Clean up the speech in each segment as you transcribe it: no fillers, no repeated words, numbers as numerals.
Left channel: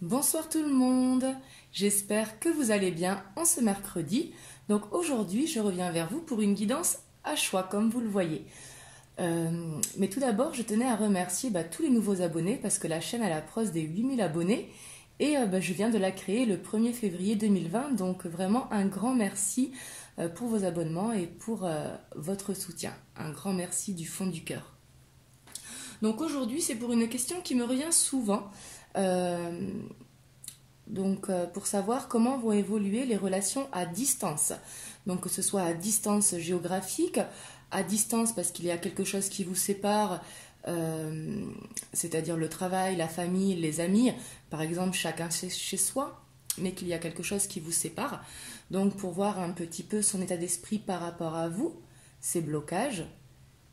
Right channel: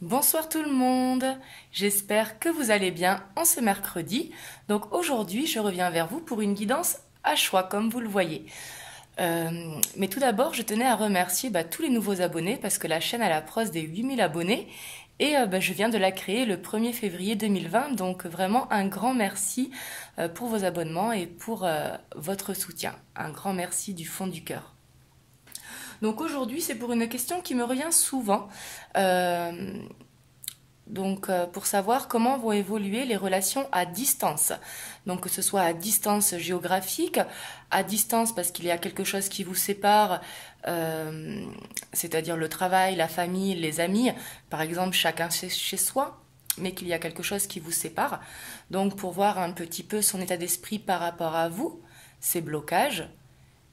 Bonsoir tout le monde, j'espère que vous allez bien en ce mercredi. Donc aujourd'hui je reviens vers vous pour une guidance à choix comme vous le voyez. Mais tout d'abord je tenais à remercier tous les nouveaux abonnés parce que la chaîne approche des 8000 abonnés et je viens de la créer le 1er février 2020. Donc vraiment un grand merci pour vos abonnements et pour votre soutien. Un grand merci du fond du cœur. Donc aujourd'hui, c'est pour une question qui me revient souvent. Pour savoir comment vont évoluer les relations à distance. Donc, que ce soit à distance géographique, à distance parce qu'il y a quelque chose qui vous sépare, c'est-à-dire le travail, la famille, les amis, par exemple, chacun chez soi, mais qu'il y a quelque chose qui vous sépare. Donc, pour voir un petit peu son état d'esprit par rapport à vous, ses blocages,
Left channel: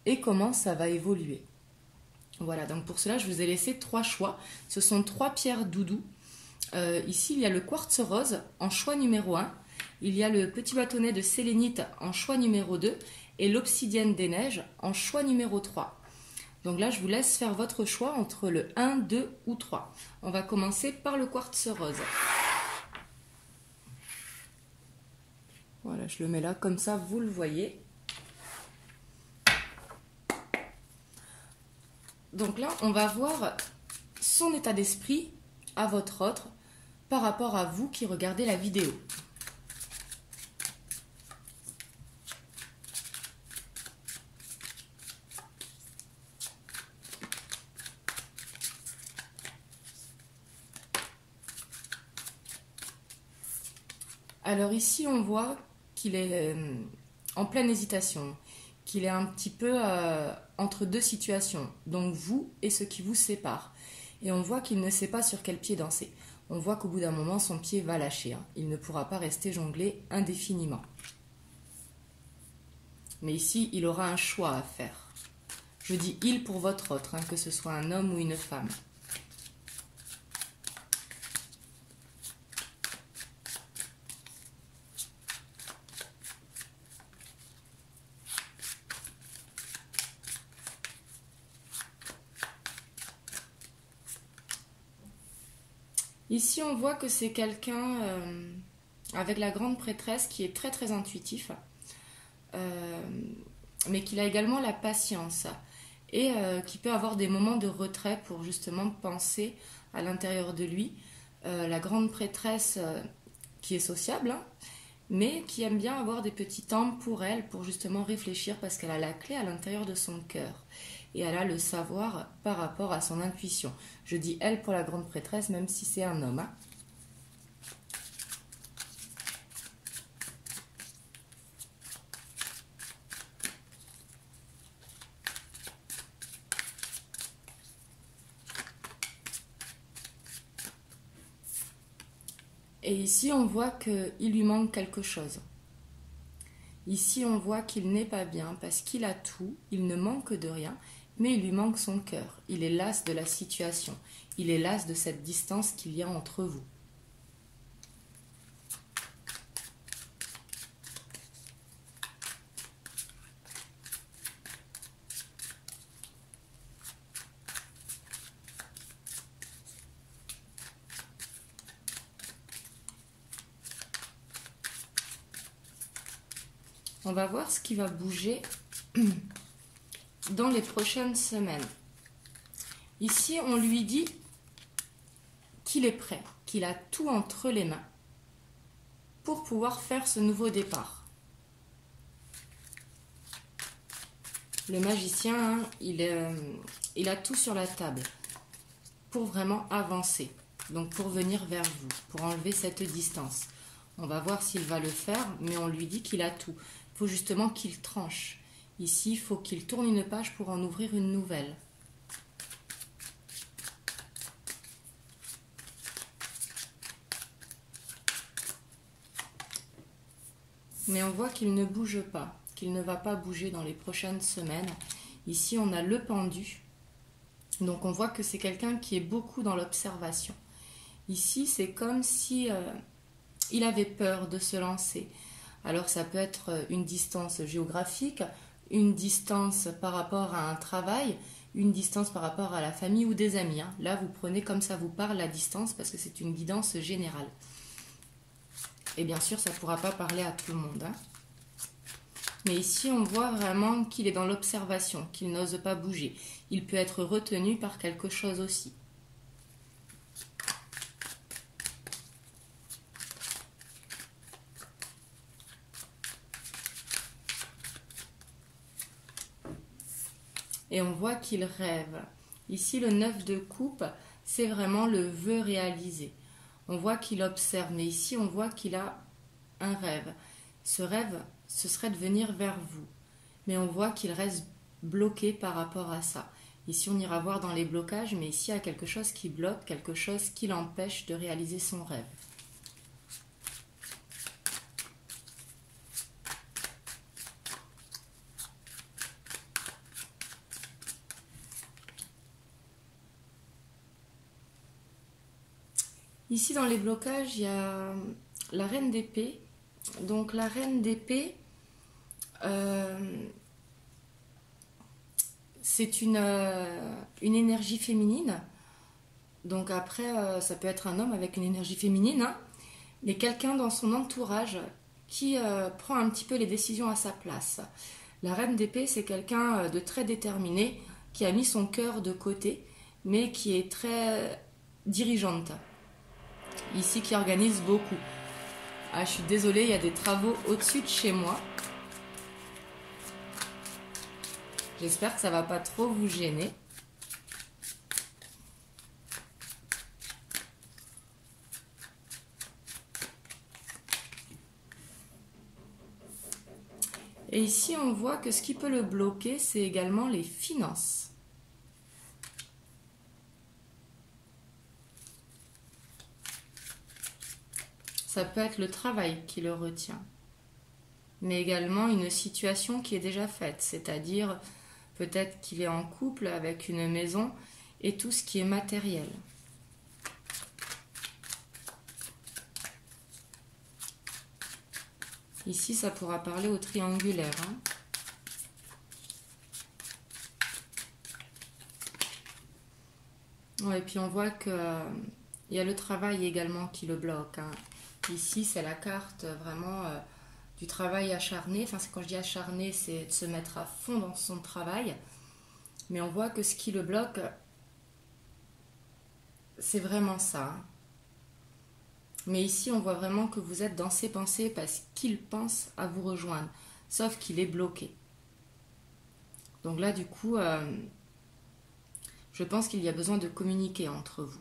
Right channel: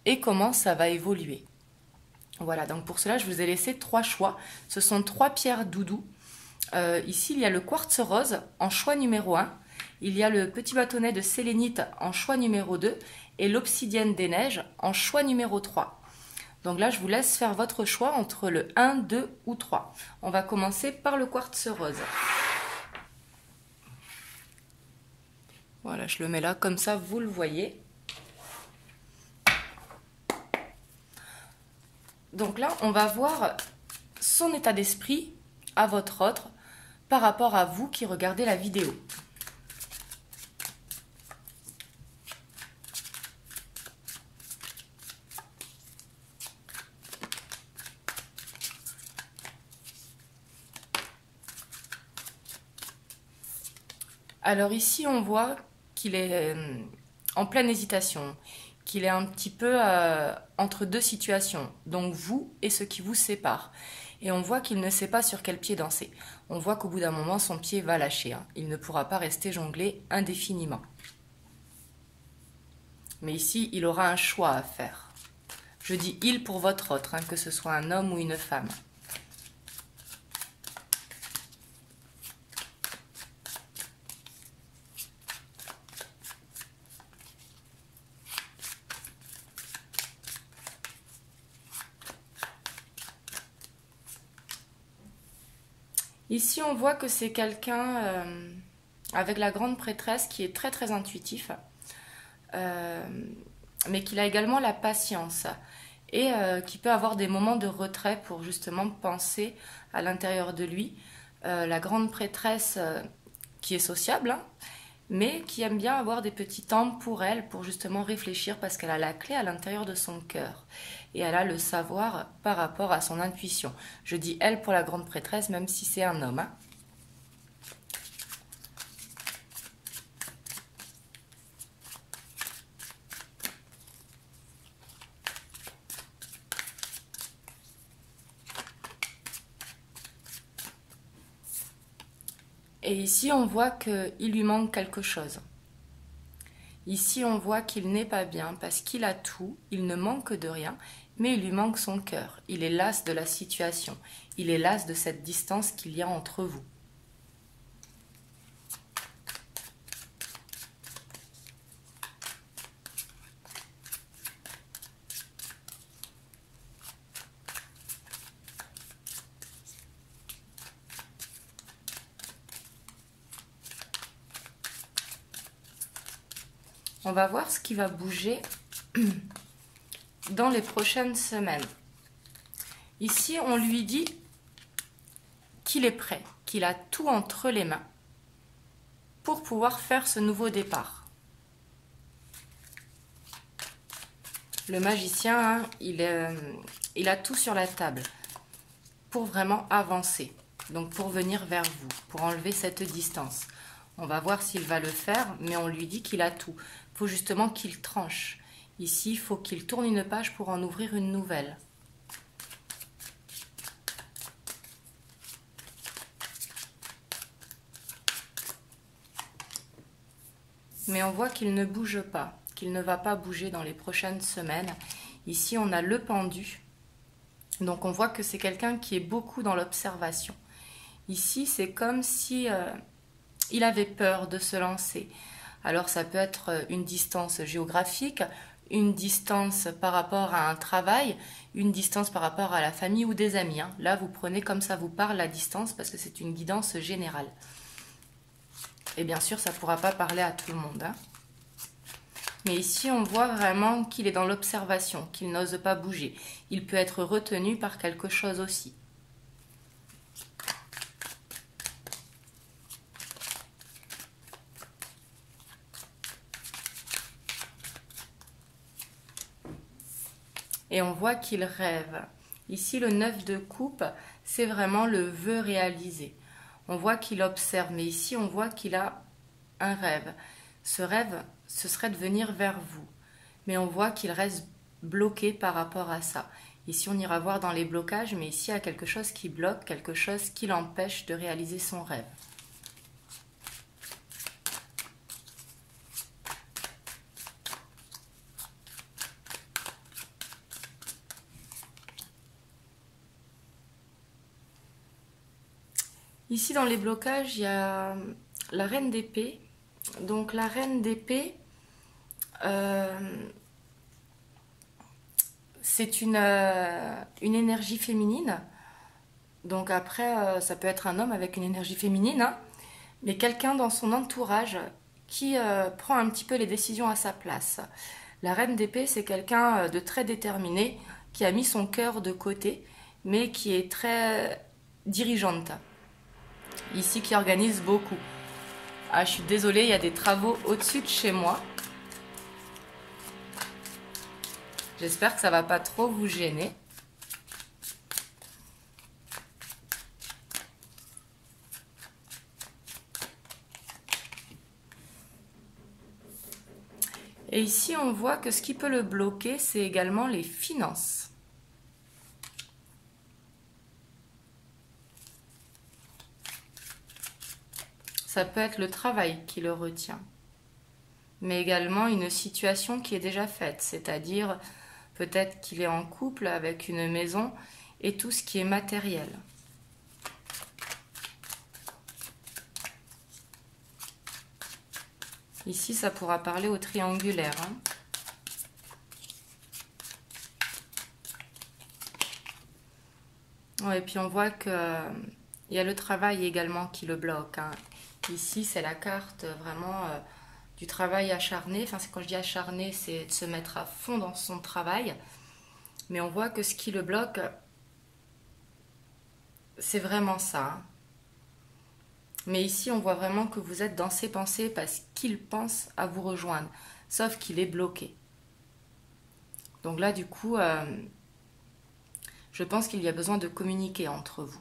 et comment ça va évoluer. Voilà, donc pour cela, je vous ai laissé 3 choix. Ce sont 3 pierres doudou. Ici, il y a le quartz rose en choix numéro 1. Il y a le petit bâtonnet de sélénite en choix numéro 2. Et l'obsidienne des neiges en choix numéro 3. Donc là, je vous laisse faire votre choix entre le 1, 2 ou 3. On va commencer par le quartz rose. Voilà, je le mets là, comme ça, vous le voyez. Donc là, on va voir son état d'esprit à votre autre par rapport à vous qui regardez la vidéo. Alors ici, on voit qu'il est en pleine hésitation, qu'il est un petit peu entre deux situations, donc vous et ce qui vous sépare. Et on voit qu'il ne sait pas sur quel pied danser. On voit qu'au bout d'un moment, son pied va lâcher. Il ne pourra pas rester jonglé indéfiniment. Mais ici, il aura un choix à faire. Je dis « il » pour votre autre, que ce soit un homme ou une femme. Ici, on voit que c'est quelqu'un avec la grande prêtresse qui est très très intuitif, mais qu'il a également la patience et qui peut avoir des moments de retrait pour justement penser à l'intérieur de lui. La grande prêtresse qui est sociable, mais qui aime bien avoir des petits temps pour elle, pour justement réfléchir parce qu'elle a la clé à l'intérieur de son cœur. Et elle a le savoir par rapport à son intuition. Je dis elle pour la grande prêtresse, même si c'est un homme. Et ici, on voit qu'il lui manque quelque chose. Ici, on voit qu'il n'est pas bien parce qu'il a tout, il ne manque de rien, mais il lui manque son cœur. Il est las de la situation. Il est las de cette distance qu'il y a entre vous. On va voir ce qui va bouger dans les prochaines semaines. Ici, on lui dit qu'il est prêt, qu'il a tout entre les mains pour pouvoir faire ce nouveau départ. Le magicien, il a tout sur la table pour vraiment avancer, donc pour venir vers vous, pour enlever cette distance. On va voir s'il va le faire, mais on lui dit qu'il a tout. Il faut justement qu'il tranche. Ici, il faut qu'il tourne une page pour en ouvrir une nouvelle. Mais on voit qu'il ne bouge pas, qu'il ne va pas bouger dans les prochaines semaines. Ici, on a le pendu. Donc, on voit que c'est quelqu'un qui est beaucoup dans l'observation. Ici, c'est comme si il avait peur de se lancer. Alors, ça peut être une distance géographique, une distance par rapport à un travail, une distance par rapport à la famille ou des amis. Hein. Là, vous prenez comme ça vous parle la distance parce que c'est une guidance générale. Et bien sûr, ça ne pourra pas parler à tout le monde. Hein. Mais ici, on voit vraiment qu'il est dans l'observation, qu'il n'ose pas bouger. Il peut être retenu par quelque chose aussi. Et on voit qu'il rêve. Ici, le 9 de coupe, c'est vraiment le vœu réalisé. On voit qu'il observe, mais ici, on voit qu'il a un rêve. Ce rêve, ce serait de venir vers vous. Mais on voit qu'il reste bloqué par rapport à ça. Ici, on ira voir dans les blocages, mais ici, il y a quelque chose qui bloque, quelque chose qui l'empêche de réaliser son rêve. Ici, dans les blocages, il y a la reine d'épée. Donc, la reine d'épée, c'est une énergie féminine. Donc, après, ça peut être un homme avec une énergie féminine, hein, mais quelqu'un dans son entourage qui prend un petit peu les décisions à sa place. La reine d'épée, c'est quelqu'un de très déterminé, qui a mis son cœur de côté, mais qui est très dirigeante. Ici, qui organise beaucoup. Ah, je suis désolée, il y a des travaux au-dessus de chez moi. J'espère que ça va pas trop vous gêner. Et ici, on voit que ce qui peut le bloquer, c'est également les finances. Ça peut être le travail qui le retient, mais également une situation qui est déjà faite, c'est-à-dire peut-être qu'il est en couple avec une maison et tout ce qui est matériel. Ici, ça pourra parler au triangulaire. Hein. Ouais, et puis on voit qu'il y a le travail également qui le bloque. Hein. Ici, c'est la carte vraiment du travail acharné. Enfin, quand je dis acharné, c'est de se mettre à fond dans son travail. Mais on voit que ce qui le bloque, c'est vraiment ça. Hein. Mais ici, on voit vraiment que vous êtes dans ses pensées parce qu'il pense à vous rejoindre. Sauf qu'il est bloqué. Donc là, du coup, je pense qu'il y a besoin de communiquer entre vous.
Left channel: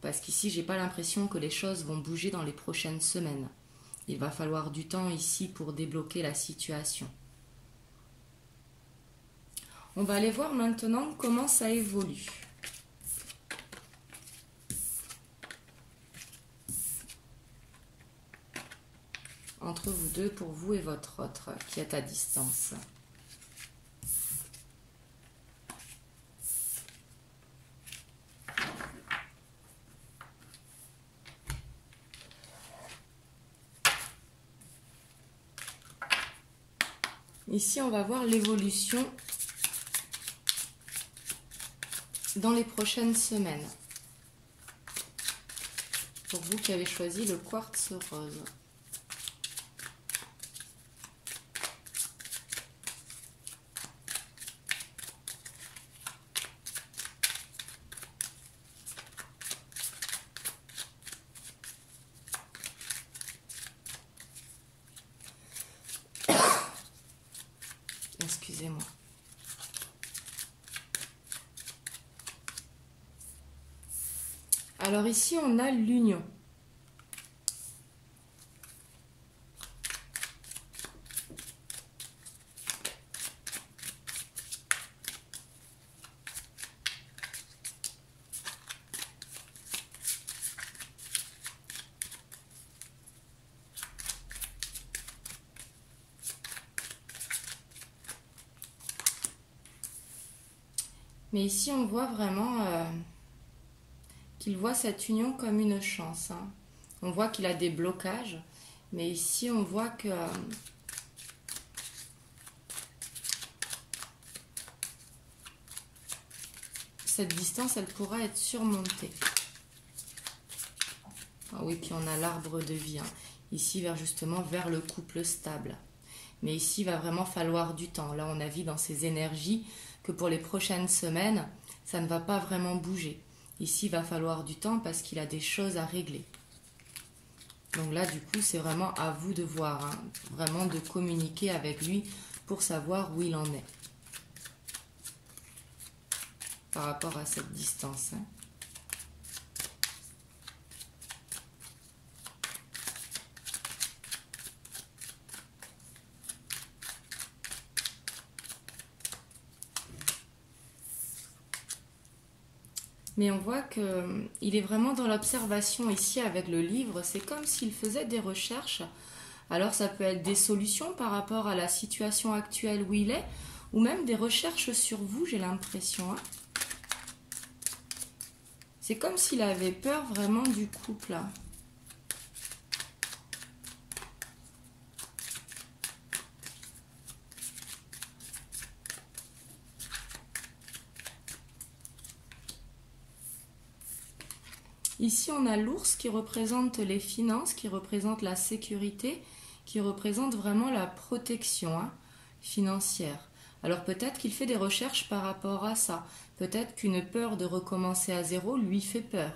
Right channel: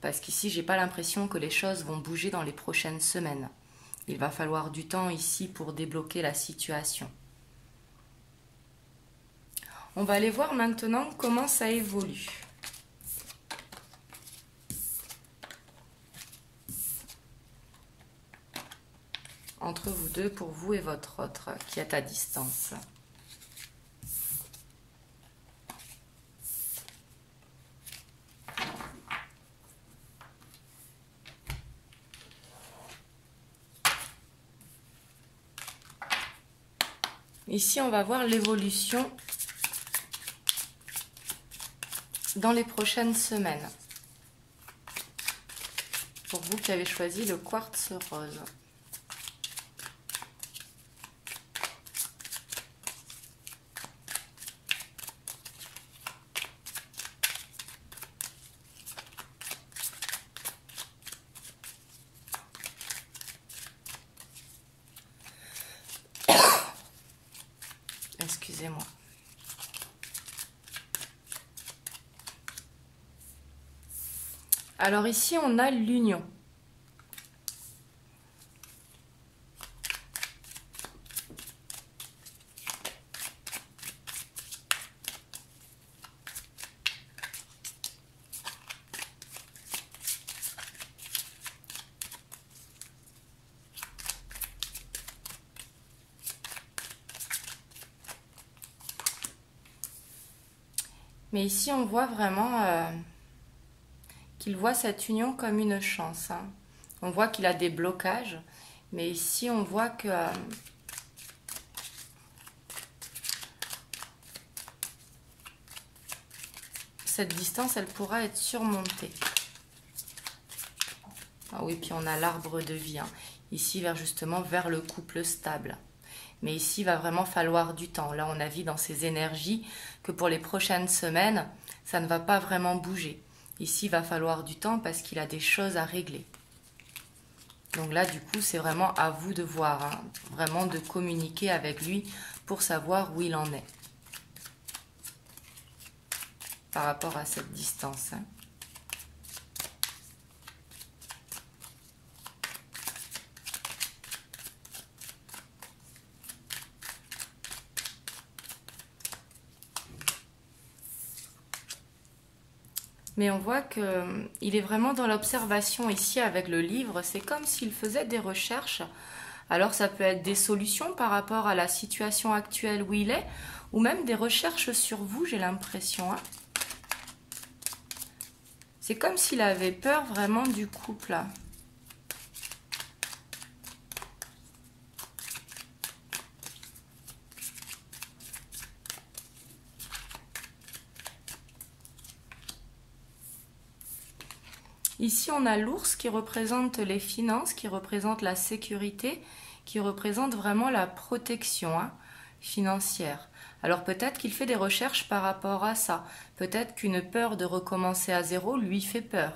Parce qu'ici, j'ai pas l'impression que les choses vont bouger dans les prochaines semaines. Il va falloir du temps ici pour débloquer la situation. On va aller voir maintenant comment ça évolue. Entre vous deux, pour vous et votre autre qui est à distance. Ici, on va voir l'évolution dans les prochaines semaines. Pour vous qui avez choisi le quartz rose. Excusez-moi. Alors ici, on a l'union. Mais ici, on voit vraiment qu'il voit cette union comme une chance. Hein. On voit qu'il a des blocages, mais ici, on voit que cette distance, elle pourra être surmontée. Ah oui, puis on a l'arbre de vie, hein. Ici, justement vers le couple stable. Mais ici, il va vraiment falloir du temps. Là, on a vu dans ces énergies que pour les prochaines semaines, ça ne va pas vraiment bouger. Ici, il va falloir du temps parce qu'il a des choses à régler. Donc là, du coup, c'est vraiment à vous de voir, hein, vraiment de communiquer avec lui pour savoir où il en est par rapport à cette distance, hein. Mais on voit qu'il est vraiment dans l'observation ici avec le livre. C'est comme s'il faisait des recherches. Alors ça peut être des solutions par rapport à la situation actuelle où il est, ou même des recherches sur vous, j'ai l'impression, hein. C'est comme s'il avait peur vraiment du couple, là. Ici, on a l'ours qui représente les finances, qui représente la sécurité, qui représente vraiment la protection, hein, financière. Alors peut-être qu'il fait des recherches par rapport à ça. Peut-être qu'une peur de recommencer à zéro lui fait peur.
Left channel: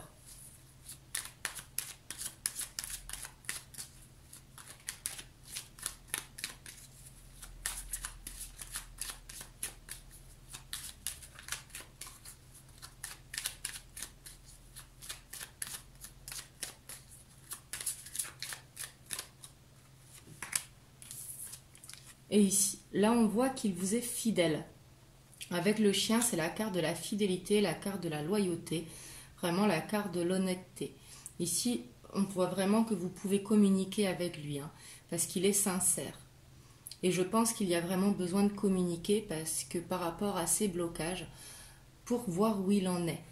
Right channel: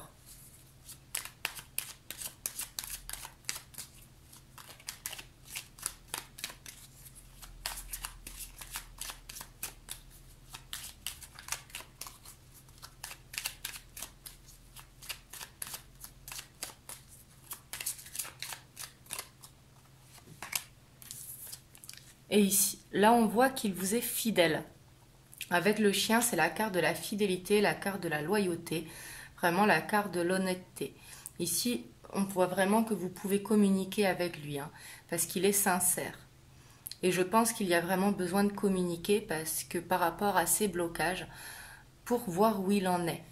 Et ici, là, on voit qu'il vous est fidèle. Avec le chien, c'est la carte de la fidélité, la carte de la loyauté, vraiment la carte de l'honnêteté. Ici, on voit vraiment que vous pouvez communiquer avec lui, hein, parce qu'il est sincère. Et je pense qu'il y a vraiment besoin de communiquer parce que par rapport à ces blocages, pour voir où il en est.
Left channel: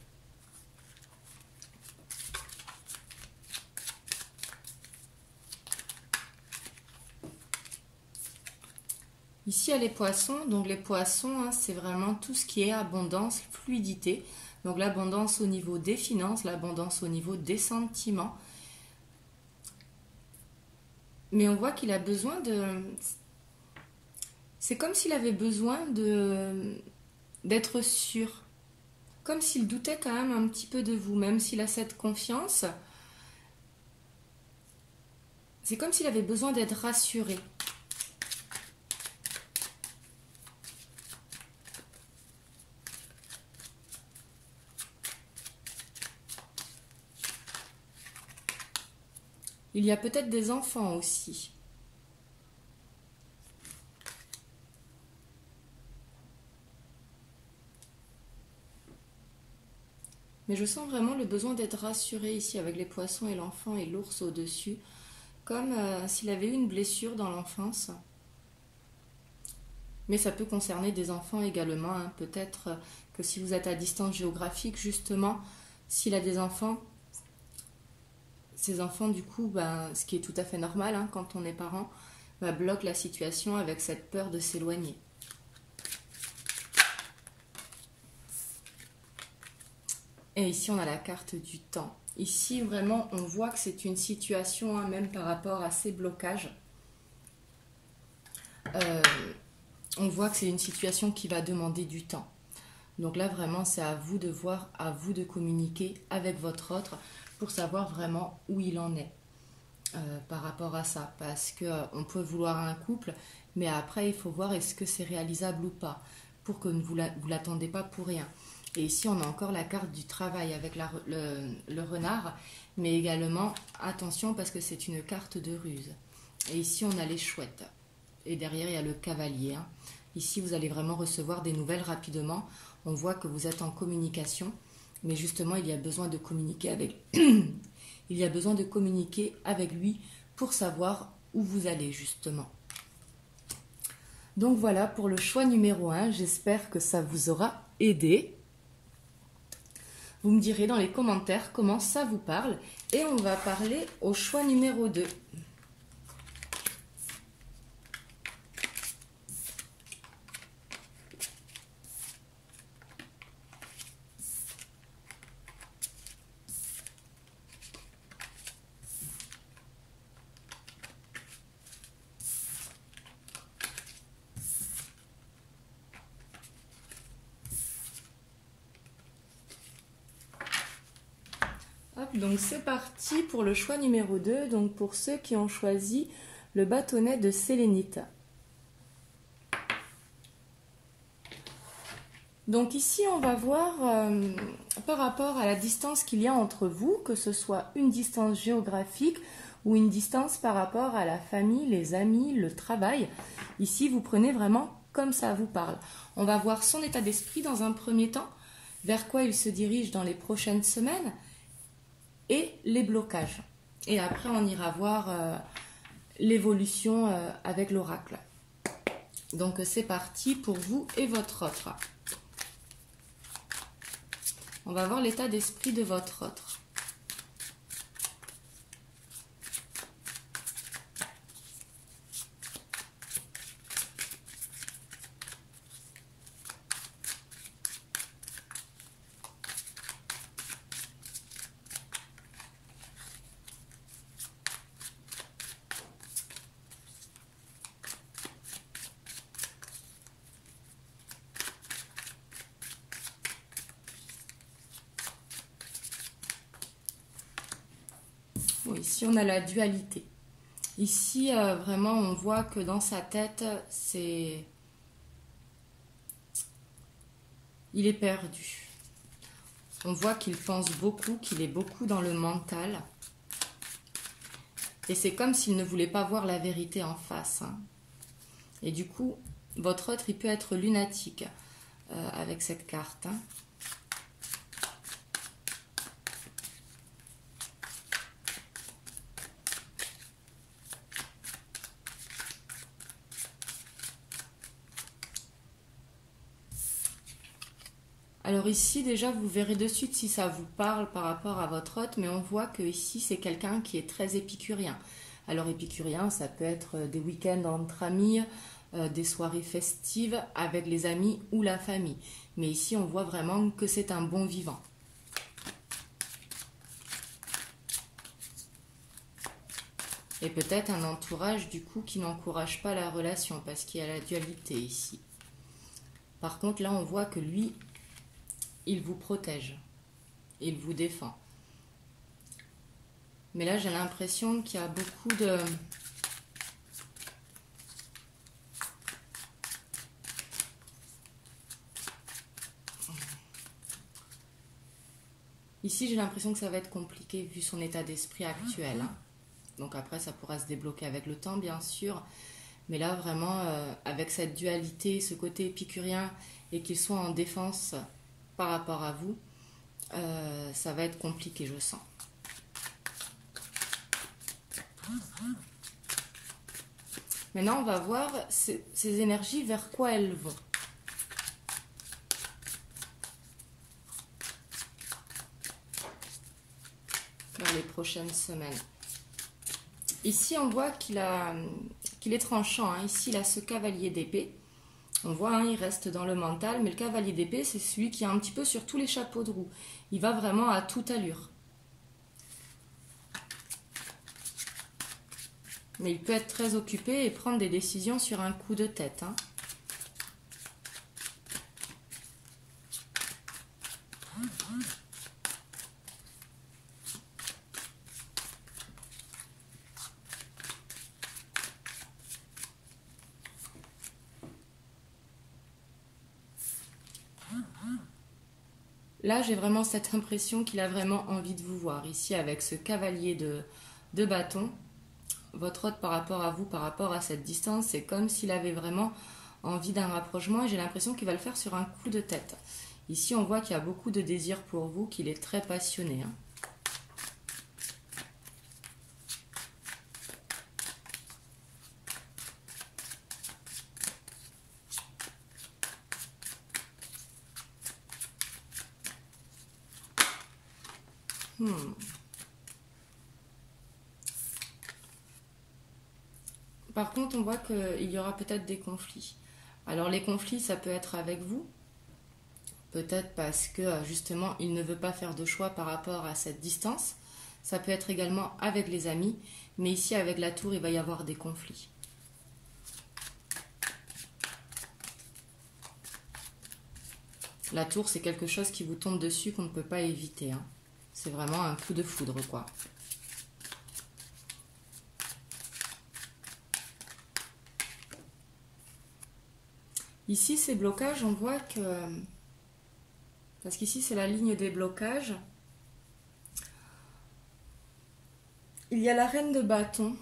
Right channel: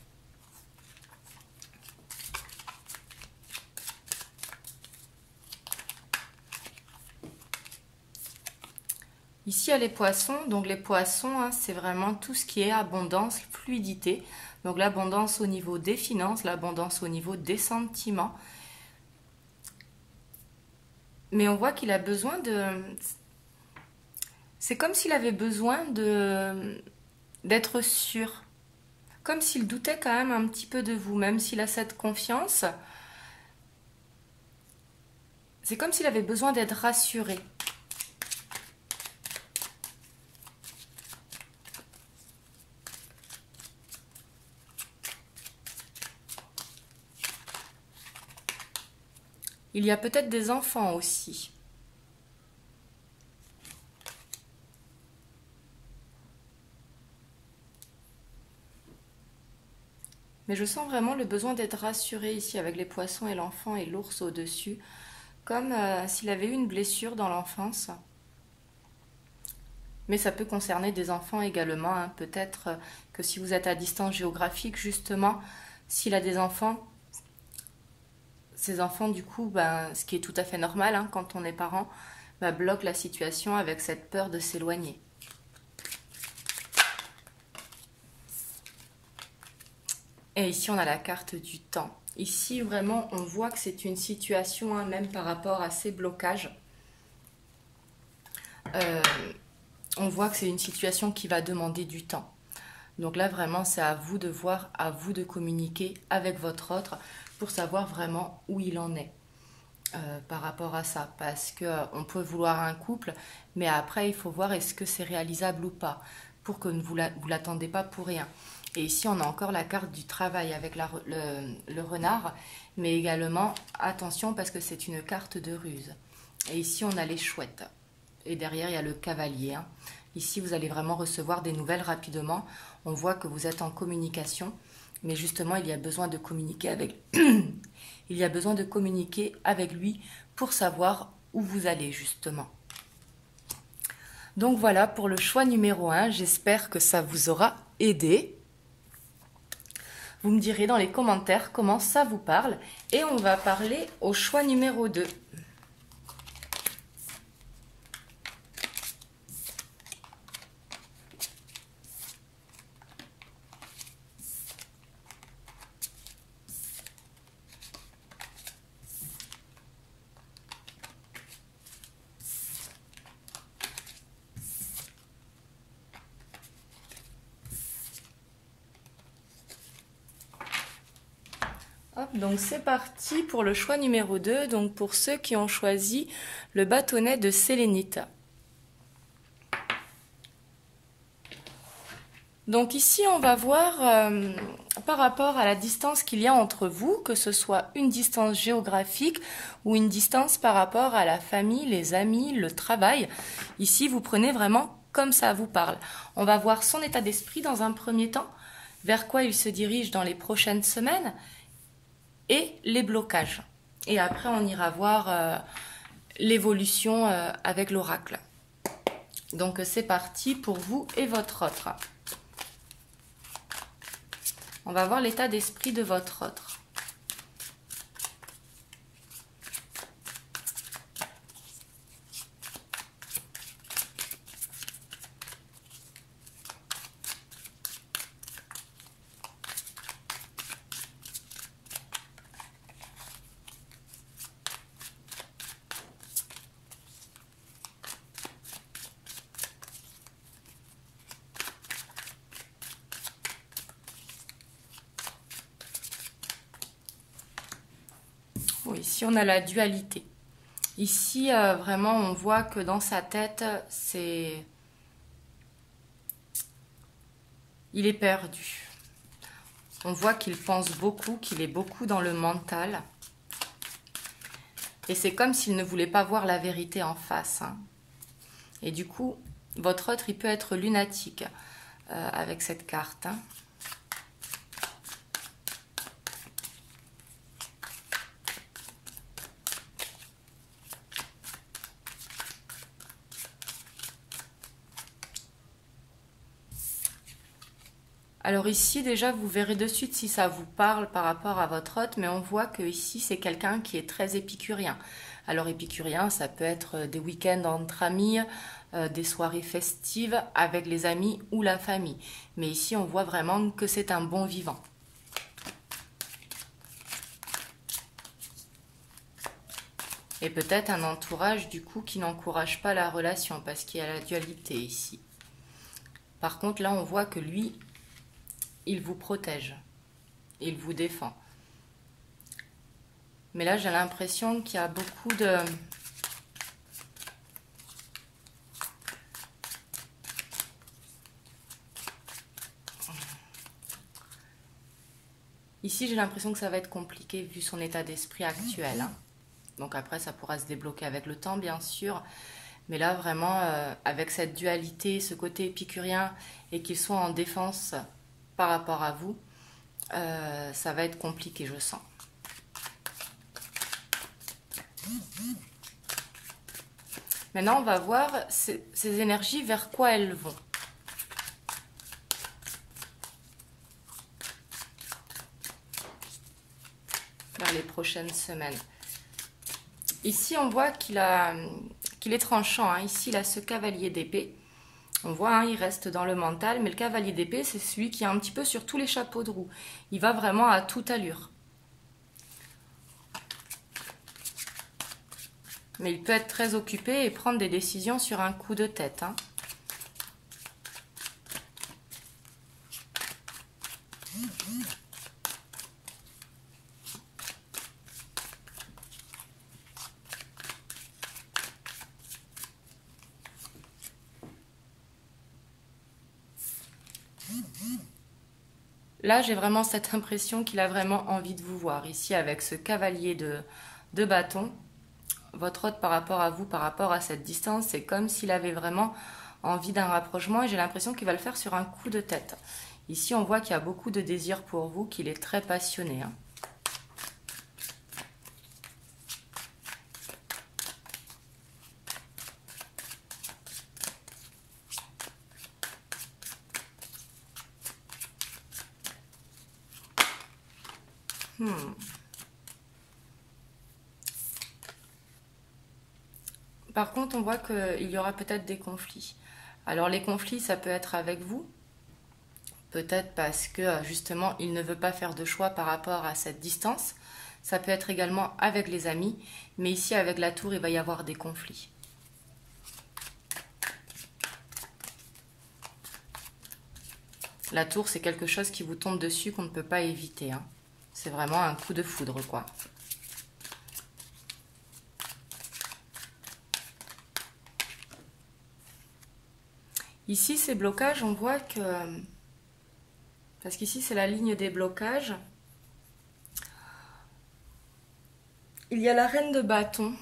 Ici, il y a les poissons. Donc, les poissons, hein, c'est vraiment tout ce qui est abondance, fluidité. Donc, l'abondance au niveau des finances, l'abondance au niveau des sentiments. Mais on voit qu'il a besoin de... C'est comme s'il avait besoin d'être sûr. Comme s'il doutait quand même un petit peu de vous, même s'il a cette confiance. C'est comme s'il avait besoin d'être rassuré. Il y a peut-être des enfants aussi. Mais je sens vraiment le besoin d'être rassuré ici avec les poissons et l'enfant et l'ours au-dessus. Comme s'il avait eu une blessure dans l'enfance. Mais ça peut concerner des enfants également, hein. Peut-être que si vous êtes à distance géographique, justement, s'il a des enfants, ces enfants, du coup, ce qui est tout à fait normal, hein, quand on est parent, bloquent la situation avec cette peur de s'éloigner. Et ici, on a la carte du temps. Ici, vraiment, on voit que c'est une situation, hein, même par rapport à ces blocages. On voit que c'est une situation qui va demander du temps. Donc là, vraiment, c'est à vous de voir, à vous de communiquer avec votre autre pour savoir vraiment où il en est par rapport à ça. Parce qu'on peut vouloir un couple, mais après, il faut voir est-ce que c'est réalisable ou pas, pour que vous ne l'attendez pas pour rien. Et ici, on a encore la carte du travail avec le renard, mais également, attention, parce que c'est une carte de ruse. Et ici, on a les chouettes. Et derrière, il y a le cavalier, hein. Ici, vous allez vraiment recevoir des nouvelles rapidement. On voit que vous êtes en communication, mais justement, il y a besoin de communiquer avec il y a besoin de communiquer avec lui pour savoir où vous allez, justement. Donc voilà pour le choix numéro 1. J'espère que ça vous aura aidé. Vous me direz dans les commentaires comment ça vous parle. Et on va parler au choix numéro 2. donc c'est parti pour le choix numéro 2, donc pour ceux qui ont choisi le bâtonnet de sélénite. Donc ici, on va voir par rapport à la distance qu'il y a entre vous, que ce soit une distance géographique ou une distance par rapport à la famille, les amis, le travail. Ici, vous prenez vraiment comme ça vous parle. On va voir son état d'esprit dans un premier temps, vers quoi il se dirige dans les prochaines semaines et les blocages. Et après, on ira voir l'évolution avec l'oracle. Donc, c'est parti pour vous et votre autre. On va voir l'état d'esprit de votre autre. Bon, ici, on a la dualité. Ici, vraiment, on voit que dans sa tête, il est perdu. On voit qu'il pense beaucoup, qu'il est beaucoup dans le mental. Et c'est comme s'il ne voulait pas voir la vérité en face. Hein. Et du coup, votre autre, il peut être lunatique avec cette carte. Hein. Alors ici, déjà, vous verrez de suite si ça vous parle par rapport à votre hôte, mais on voit que ici, c'est quelqu'un qui est très épicurien. Alors épicurien, ça peut être des week-ends entre amis, des soirées festives avec les amis ou la famille. Mais ici, on voit vraiment que c'est un bon vivant. Et peut-être un entourage, du coup, qui n'encourage pas la relation, parce qu'il y a la dualité ici. Par contre, là, on voit que lui, il vous protège, il vous défend. Mais là, j'ai l'impression qu'il y a beaucoup de... Ici, j'ai l'impression que ça va être compliqué vu son état d'esprit actuel. Hein. Donc après, ça pourra se débloquer avec le temps, bien sûr. Mais là, vraiment, avec cette dualité, ce côté épicurien, et qu'il soit en défense par rapport à vous, ça va être compliqué, je sens. Maintenant, on va voir ces énergies, vers quoi elles vont. Dans les prochaines semaines. Ici, on voit qu'il est tranchant. Hein. Ici, il a ce cavalier d'épée. On voit, hein, il reste dans le mental, mais le cavalier d'épée, c'est celui qui est un petit peu sur tous les chapeaux de roue. Il va vraiment à toute allure. Mais il peut être très occupé et prendre des décisions sur un coup de tête. Hein. Là, j'ai vraiment cette impression qu'il a vraiment envie de vous voir. Ici, avec ce cavalier de bâton, votre hôte par rapport à vous, par rapport à cette distance, c'est comme s'il avait vraiment envie d'un rapprochement et j'ai l'impression qu'il va le faire sur un coup de tête. Ici, on voit qu'il y a beaucoup de désir pour vous, qu'il est très passionné. Hein. Par contre, on voit qu'il y aura peut-être des conflits. Alors les conflits, ça peut être avec vous, peut-être parce que justement, il ne veut pas faire de choix par rapport à cette distance. Ça peut être également avec les amis, mais ici avec la tour, il va y avoir des conflits. La tour, c'est quelque chose qui vous tombe dessus qu'on ne peut pas éviter. Hein. C'est vraiment un coup de foudre, quoi. Ici, ces blocages, on voit que... Parce qu'ici, c'est la ligne des blocages. Il y a la reine de bâton.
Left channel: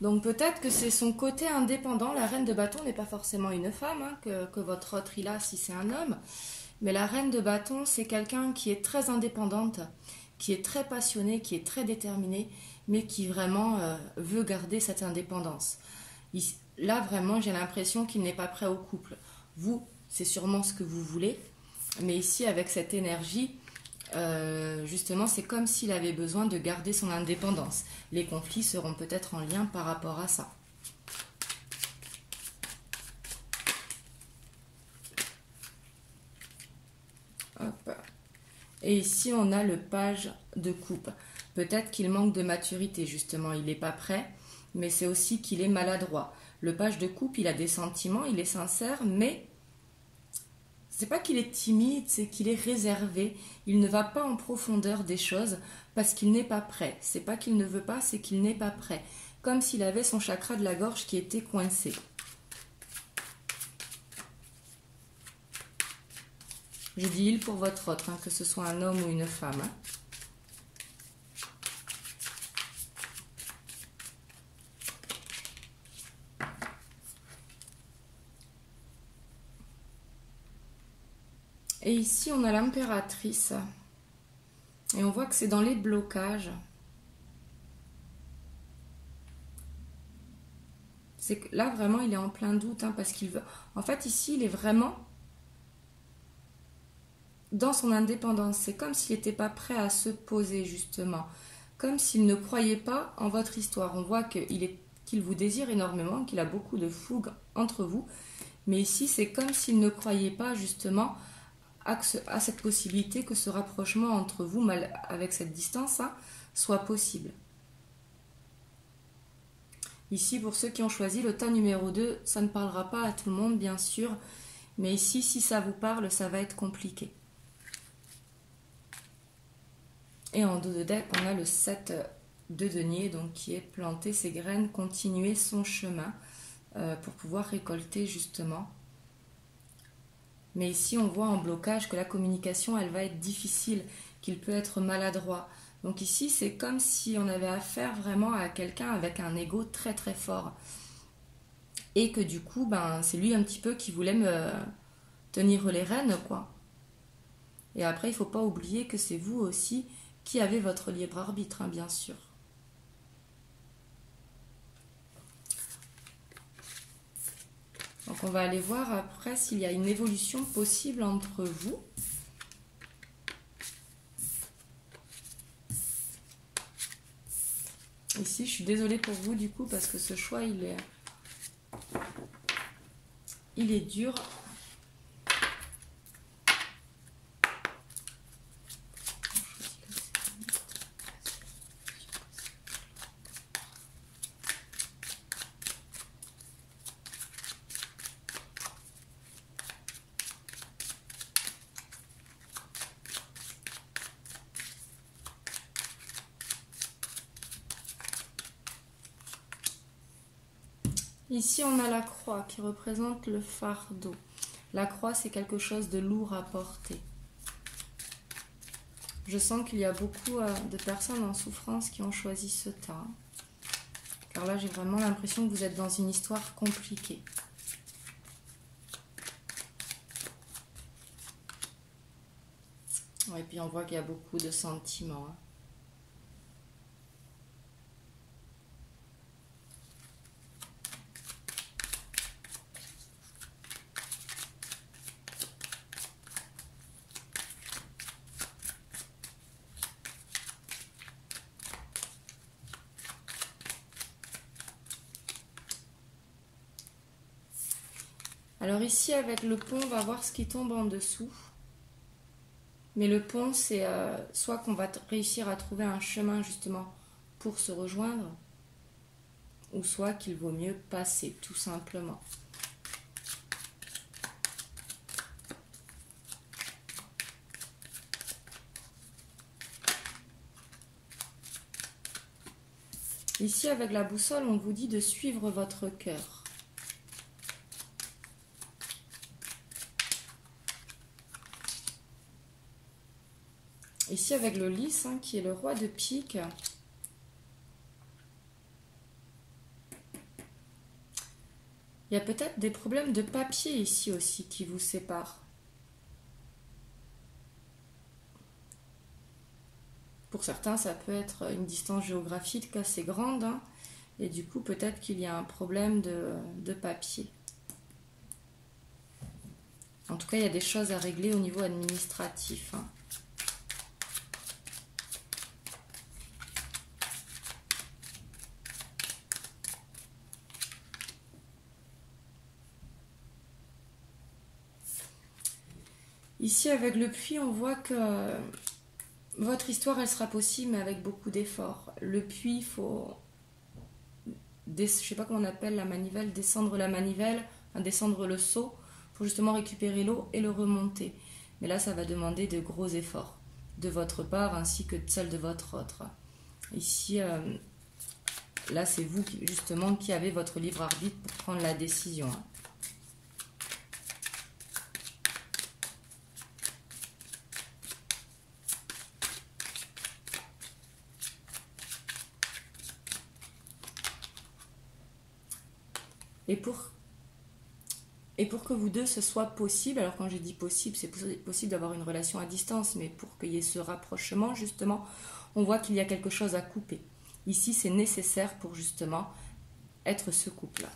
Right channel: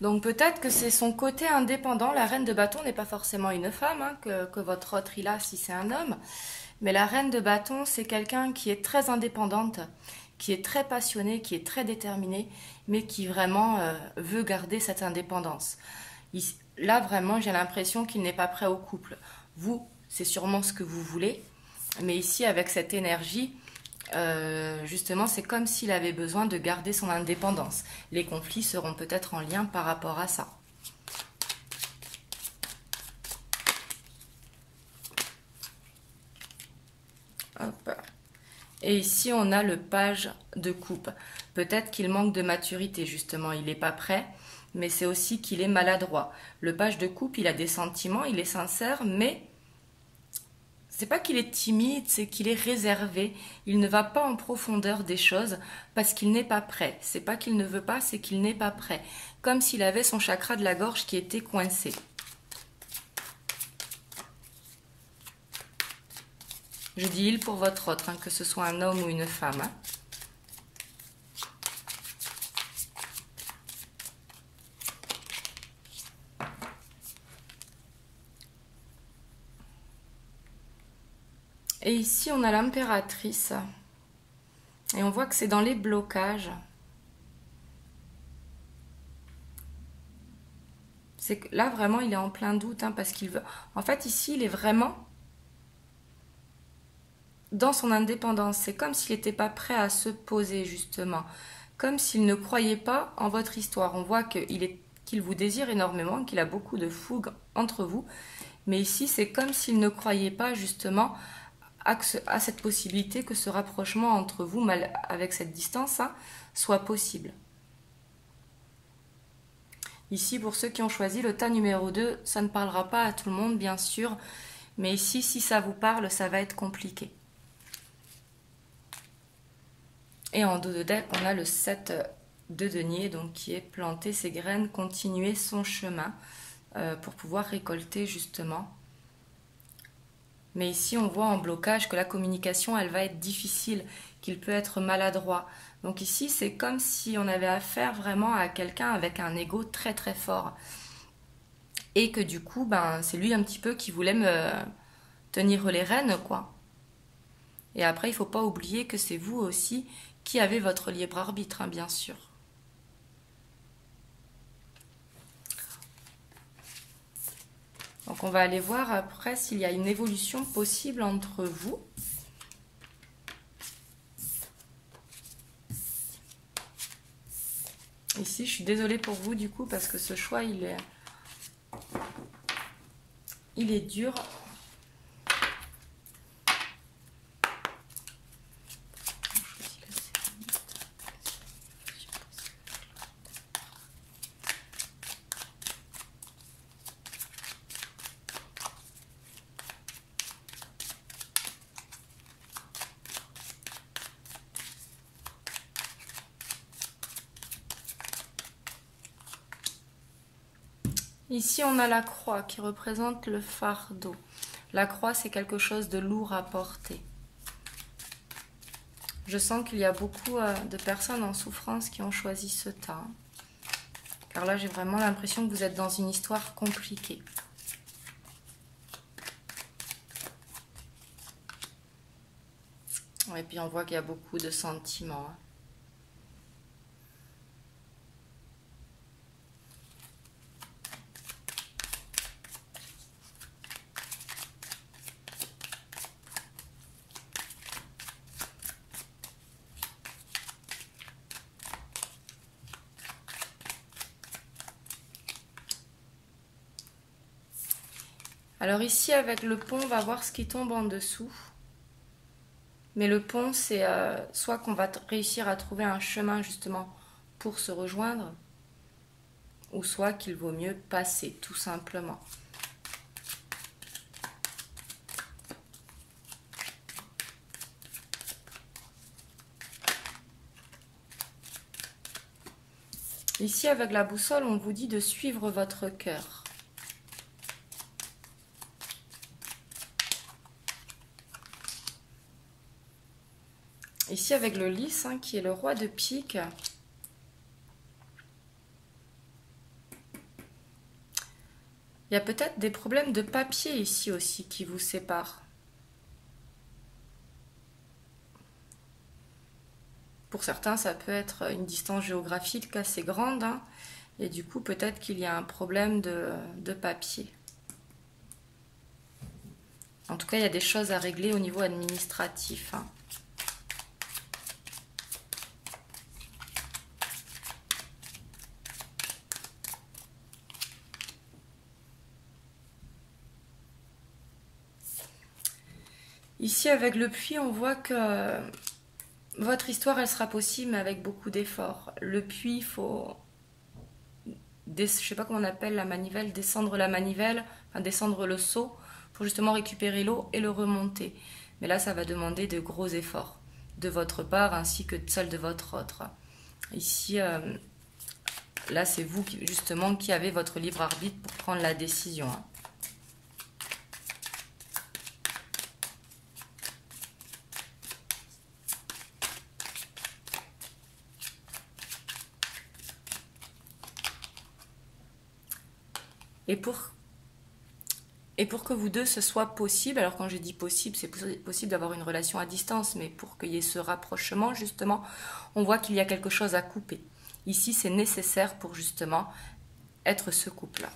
Donc peut-être que c'est son côté indépendant. La reine de bâton n'est pas forcément une femme, hein, que votre autre il a si c'est un homme. Mais la reine de bâton, c'est quelqu'un qui est très indépendante, qui est très passionnée, qui est très déterminée, mais qui vraiment veut garder cette indépendance. Là, vraiment, j'ai l'impression qu'il n'est pas prêt au couple. Vous, c'est sûrement ce que vous voulez. Mais ici, avec cette énergie, justement, c'est comme s'il avait besoin de garder son indépendance. Les conflits seront peut-être en lien par rapport à ça. Hop. Et ici, on a le page de coupe. Peut-être qu'il manque de maturité, justement. Il n'est pas prêt, mais c'est aussi qu'il est maladroit. Le page de coupe, il a des sentiments, il est sincère, mais c'est pas qu'il est timide, c'est qu'il est réservé. Il ne va pas en profondeur des choses parce qu'il n'est pas prêt. C'est pas qu'il ne veut pas, c'est qu'il n'est pas prêt. Comme s'il avait son chakra de la gorge qui était coincé. Je dis il pour votre autre, hein, que ce soit un homme ou une femme. Hein. Et ici, on a l'impératrice. Et on voit que c'est dans les blocages. C'est que là, vraiment, il est en plein doute, hein, parce qu'il veut... En fait, ici, il est vraiment dans son indépendance. C'est comme s'il n'était pas prêt à se poser, justement. Comme s'il ne croyait pas en votre histoire. On voit qu'il vous désire énormément, qu'il a beaucoup de fougue entre vous. Mais ici, c'est comme s'il ne croyait pas, justement, à cette possibilité que ce rapprochement entre vous, avec cette distance, hein, soit possible. Ici, pour ceux qui ont choisi le tas numéro 2, ça ne parlera pas à tout le monde, bien sûr. Mais ici, si ça vous parle, ça va être compliqué. Et en dos de deck, on a le 7 de denier, donc qui est planter ses graines, continuer son chemin pour pouvoir récolter justement. Mais ici, on voit en blocage que la communication, elle va être difficile, qu'il peut être maladroit. Donc ici, c'est comme si on avait affaire vraiment à quelqu'un avec un ego très très fort. Et que du coup, c'est lui un petit peu qui voulait me tenir les rênes, quoi. Et après, il ne faut pas oublier que c'est vous aussi qui avez votre libre arbitre, hein, bien sûr. Donc on va aller voir après s'il y a une évolution possible entre vous. Ici, je suis désolée pour vous du coup parce que ce choix, il est dur. Ici, on a la croix qui représente le fardeau. La croix, c'est quelque chose de lourd à porter. Je sens qu'il y a beaucoup de personnes en souffrance qui ont choisi ce tas. Car là, j'ai vraiment l'impression que vous êtes dans une histoire compliquée. Et puis, on voit qu'il y a beaucoup de sentiments. Alors ici, avec le pont, on va voir ce qui tombe en dessous. Mais le pont, c'est soit qu'on va réussir à trouver un chemin justement pour se rejoindre, ou soit qu'il vaut mieux passer, tout simplement. Ici, avec la boussole, on vous dit de suivre votre cœur. Ici, avec le lys, hein, qui est le roi de pique. Il y a peut-être des problèmes de papier ici aussi qui vous séparent. Pour certains, ça peut être une distance géographique assez grande, hein, et du coup, peut-être qu'il y a un problème de papier. En tout cas, il y a des choses à régler au niveau administratif. Hein. Ici, avec le puits, on voit que votre histoire, elle sera possible, mais avec beaucoup d'efforts. Le puits, il faut, je ne sais pas comment on appelle la manivelle, descendre la manivelle, enfin descendre le seau, pour justement récupérer l'eau et le remonter. Mais là, ça va demander de gros efforts de votre part, ainsi que de celle de votre autre. Ici, là, c'est vous, justement, qui avez votre libre arbitre pour prendre la décision. Et pour que vous deux, ce soit possible, alors quand je dis possible, c'est possible d'avoir une relation à distance, mais pour qu'il y ait ce rapprochement, justement, on voit qu'il y a quelque chose à couper. Ici, c'est nécessaire pour justement être ce couple-là.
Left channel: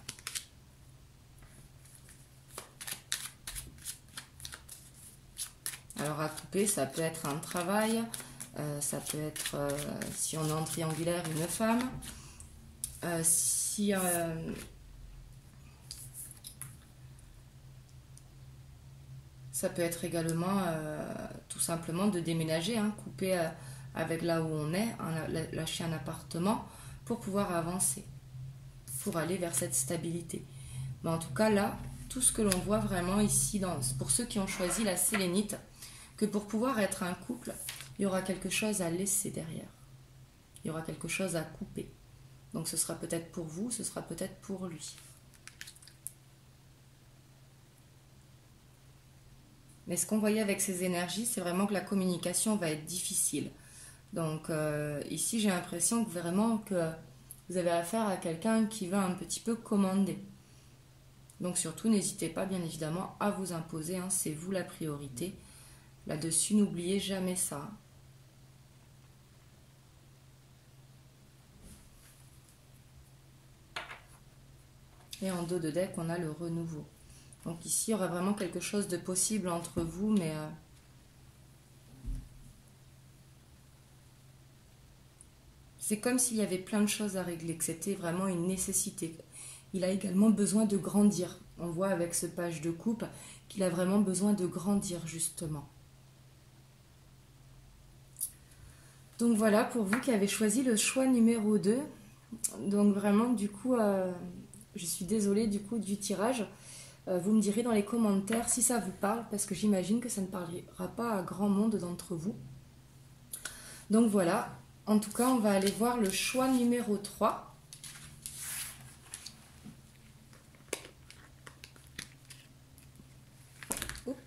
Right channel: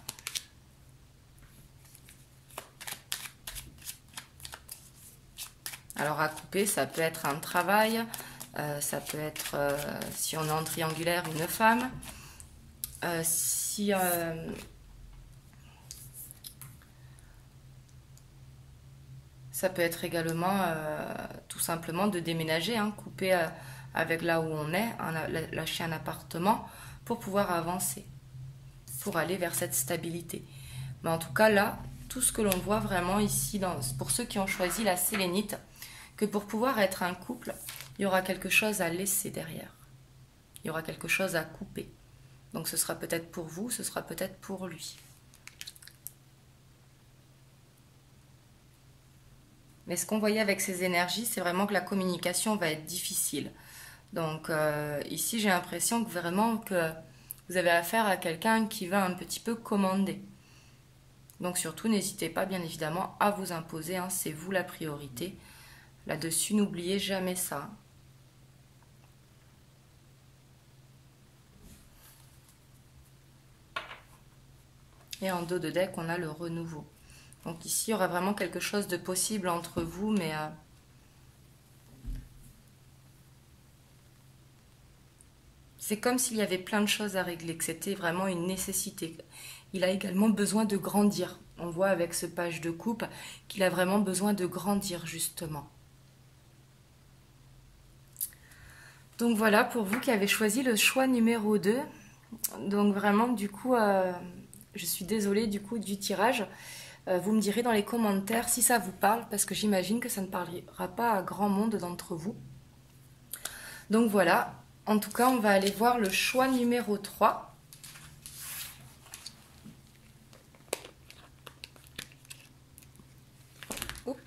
Alors à couper, ça peut être un travail, ça peut être, si on est en triangulaire, une femme, ça peut être également tout simplement de déménager, hein, couper avec là où on est, hein, lâcher un appartement pour pouvoir avancer, pour aller vers cette stabilité. Mais en tout cas là, tout ce que l'on voit vraiment ici, pour ceux qui ont choisi la sélénite, que pour pouvoir être un couple, il y aura quelque chose à laisser derrière. Il y aura quelque chose à couper. Donc ce sera peut-être pour vous, ce sera peut-être pour lui. Mais ce qu'on voyait avec ces énergies, c'est vraiment que la communication va être difficile. Donc ici, j'ai l'impression que vraiment que vous avez affaire à quelqu'un qui va un petit peu commander. Donc surtout, n'hésitez pas, bien évidemment, à vous imposer. Hein, c'est vous la priorité. Là-dessus, n'oubliez jamais ça. Et en dos de deck, on a le renouveau. Donc ici, il y aura vraiment quelque chose de possible entre vous, mais c'est comme s'il y avait plein de choses à régler, que c'était vraiment une nécessité. Il a également besoin de grandir. On voit avec ce page de coupe qu'il a vraiment besoin de grandir, justement. Donc voilà, pour vous qui avez choisi le choix numéro 2. Donc vraiment, du coup, je suis désolée du coup du tirage. Vous me direz dans les commentaires si ça vous parle, parce que j'imagine que ça ne parlera pas à grand monde d'entre vous. Donc voilà, en tout cas, on va aller voir le choix numéro 3. Oups.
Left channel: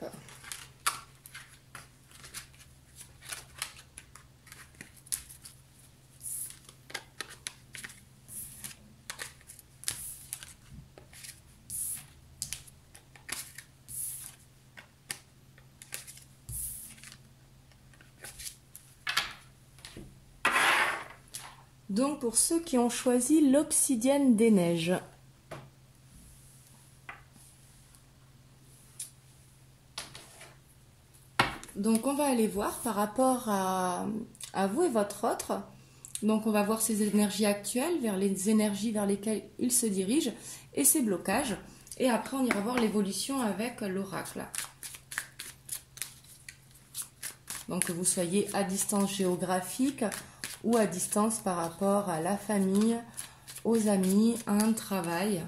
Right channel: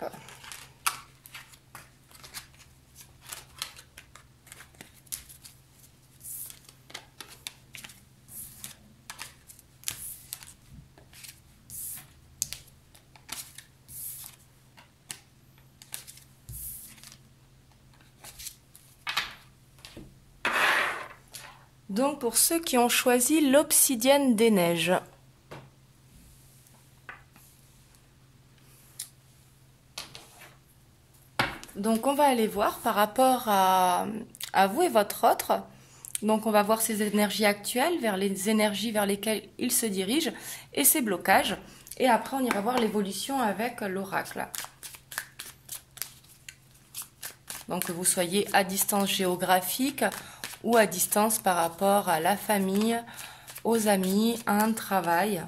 Donc pour ceux qui ont choisi l'obsidienne des neiges. Donc on va aller voir par rapport à vous et votre autre. Donc on va voir ses énergies actuelles, vers les énergies vers lesquelles il se dirige et ses blocages. Et après on ira voir l'évolution avec l'oracle. Donc que vous soyez à distance géographique ou à distance par rapport à la famille, aux amis, à un travail.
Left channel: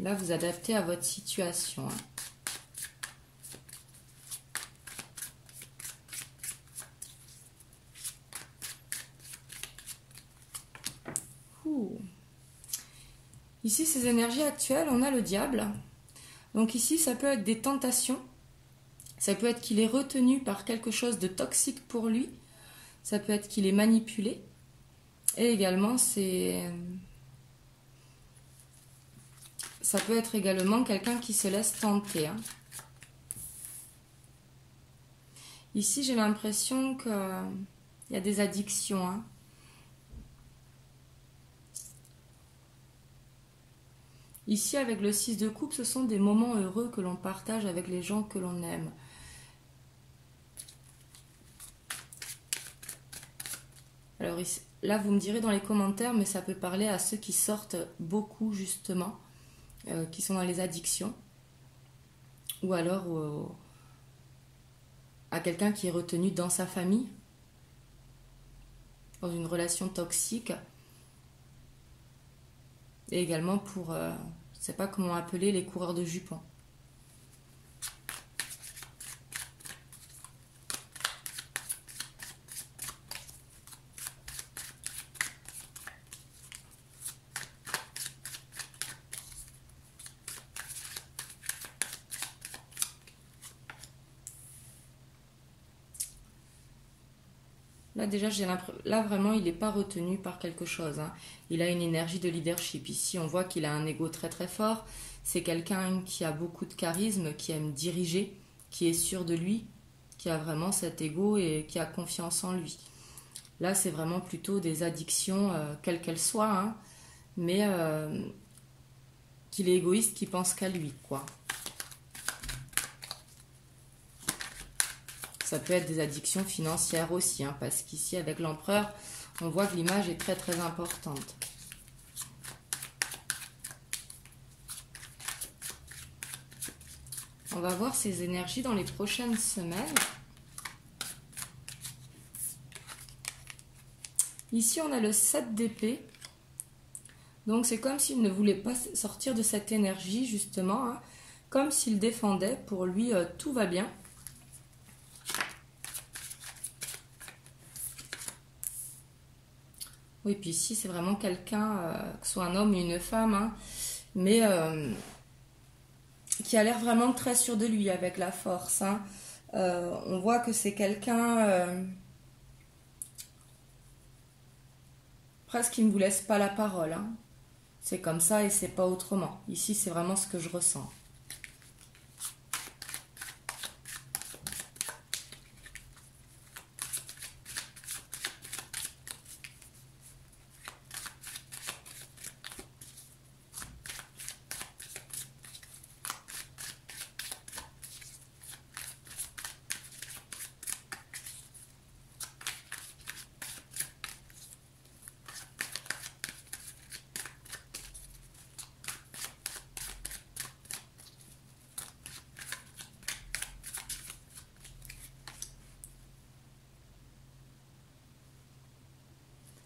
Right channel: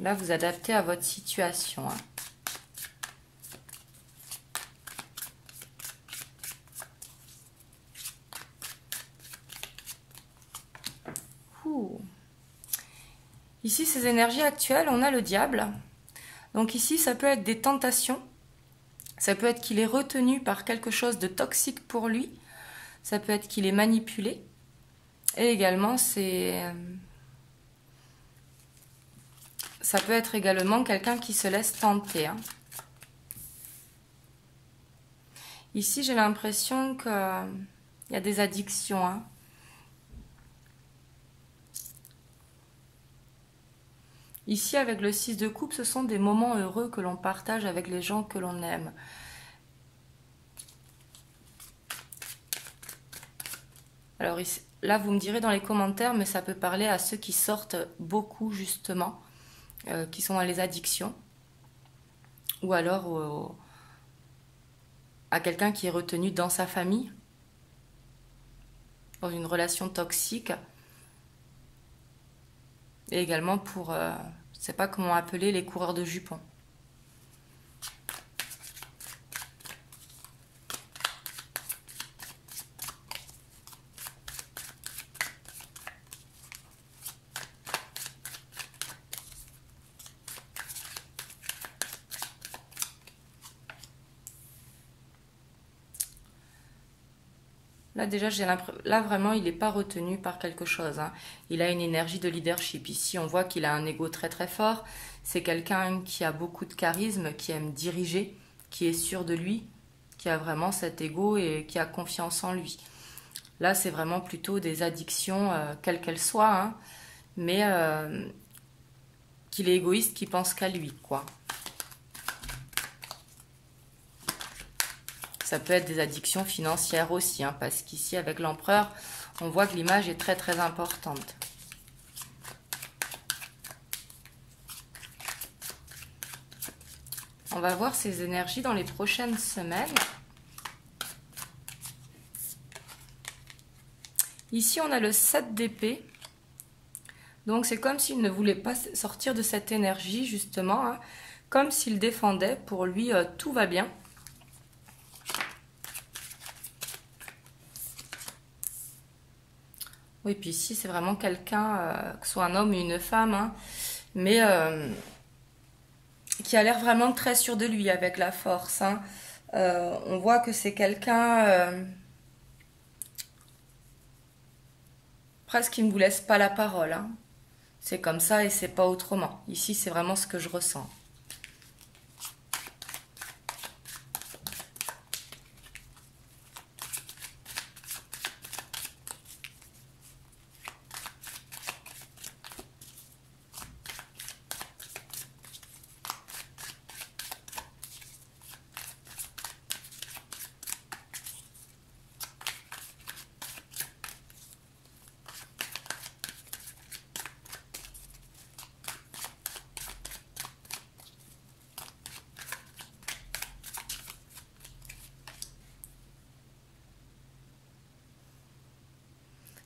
Là, vous adaptez à votre situation. Ici, ces énergies actuelles, on a le diable. Donc ici, ça peut être des tentations. Ça peut être qu'il est retenu par quelque chose de toxique pour lui. Ça peut être qu'il est manipulé. Et également, ça peut être également quelqu'un qui se laisse tenter. Hein. Ici, j'ai l'impression qu'il y a des addictions. Hein. Ici, avec le 6 de coupe, ce sont des moments heureux que l'on partage avec les gens que l'on aime. Alors ici, là, vous me direz dans les commentaires, mais ça peut parler à ceux qui sortent beaucoup, justement, qui sont dans les addictions. Ou alors à quelqu'un qui est retenu dans sa famille, dans une relation toxique. Et également pour, je ne sais pas comment appeler, les coureurs de jupons. Là déjà, là vraiment, il n'est pas retenu par quelque chose. Hein. Il a une énergie de leadership. Ici, on voit qu'il a un ego très très fort. C'est quelqu'un qui a beaucoup de charisme, qui aime diriger, qui est sûr de lui, qui a vraiment cet ego et qui a confiance en lui. Là, c'est vraiment plutôt des addictions, quelles qu'elles soient, hein, mais qu'il est égoïste, qui pense qu'à lui, quoi. Ça peut être des addictions financières aussi, hein, parce qu'ici, avec l'empereur, on voit que l'image est très très importante. On va voir ces énergies dans les prochaines semaines. Ici, on a le 7 d'épée. Donc, c'est comme s'il ne voulait pas sortir de cette énergie, justement. Hein, comme s'il défendait. Pour lui, tout va bien. Oui, puis ici, c'est vraiment quelqu'un, que ce soit un homme ou une femme, hein, mais qui a l'air vraiment très sûr de lui avec la force. Hein. On voit que c'est quelqu'un presque qui ne vous laisse pas la parole. Hein. C'est comme ça et c'est pas autrement. Ici, c'est vraiment ce que je ressens.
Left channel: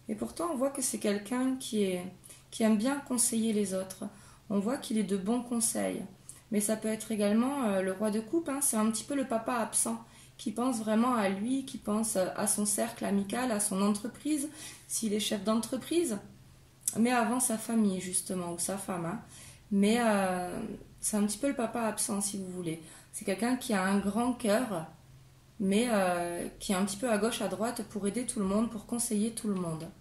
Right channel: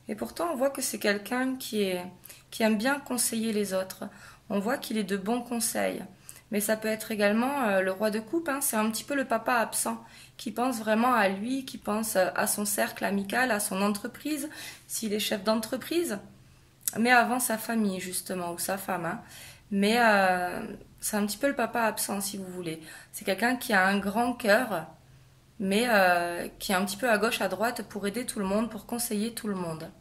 Et pourtant, on voit que c'est quelqu'un qui aime bien conseiller les autres. On voit qu'il est de bons conseils. Mais ça peut être également le roi de coupe, hein, c'est un petit peu le papa absent, qui pense vraiment à lui, qui pense à son cercle amical, à son entreprise, s'il est chef d'entreprise, mais avant sa famille, justement, ou sa femme. Hein. Mais c'est un petit peu le papa absent, si vous voulez. C'est quelqu'un qui a un grand cœur, mais qui est un petit peu à gauche, à droite pour aider tout le monde, pour conseiller tout le monde.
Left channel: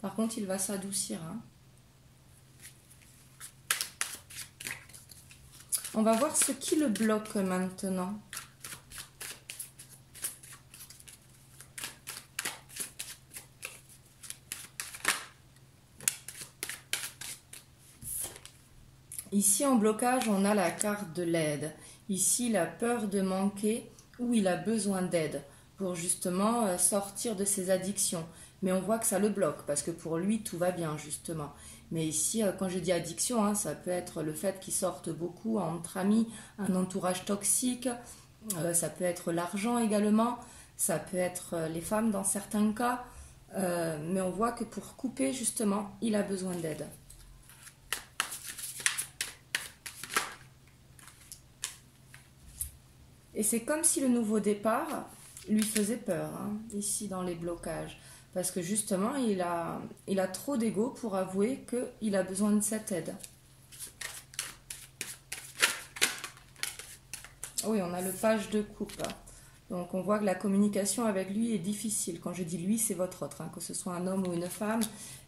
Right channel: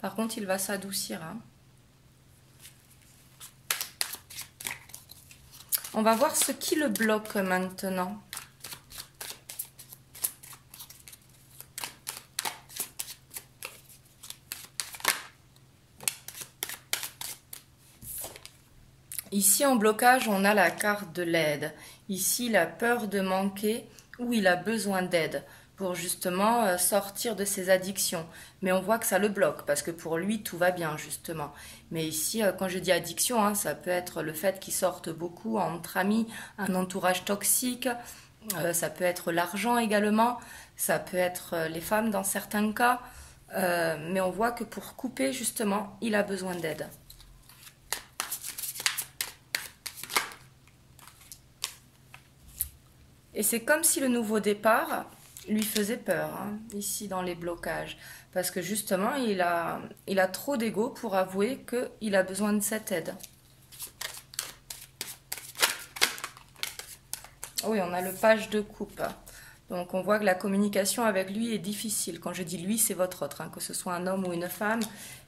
Par contre, il va s'adoucir. Hein. On va voir ce qui le bloque maintenant. Ici, en blocage, on a la carte de l'aide. Ici, il a peur de manquer ou il a besoin d'aide pour justement sortir de ses addictions. Mais on voit que ça le bloque parce que pour lui, tout va bien, justement. Mais ici, quand je dis addiction, hein, ça peut être le fait qu'il sorte beaucoup entre amis, un entourage toxique, ça peut être l'argent également, ça peut être les femmes dans certains cas. Mais on voit que pour couper, justement, il a besoin d'aide. Et c'est comme si le nouveau départ lui faisait peur, hein, ici dans les blocages. Parce que justement, il a trop d'ego pour avouer qu'il a besoin de cette aide. Oui, on a le page de coupe. Donc on voit que la communication avec lui est difficile. Quand je dis lui, c'est votre autre, hein, que ce soit un homme ou une femme.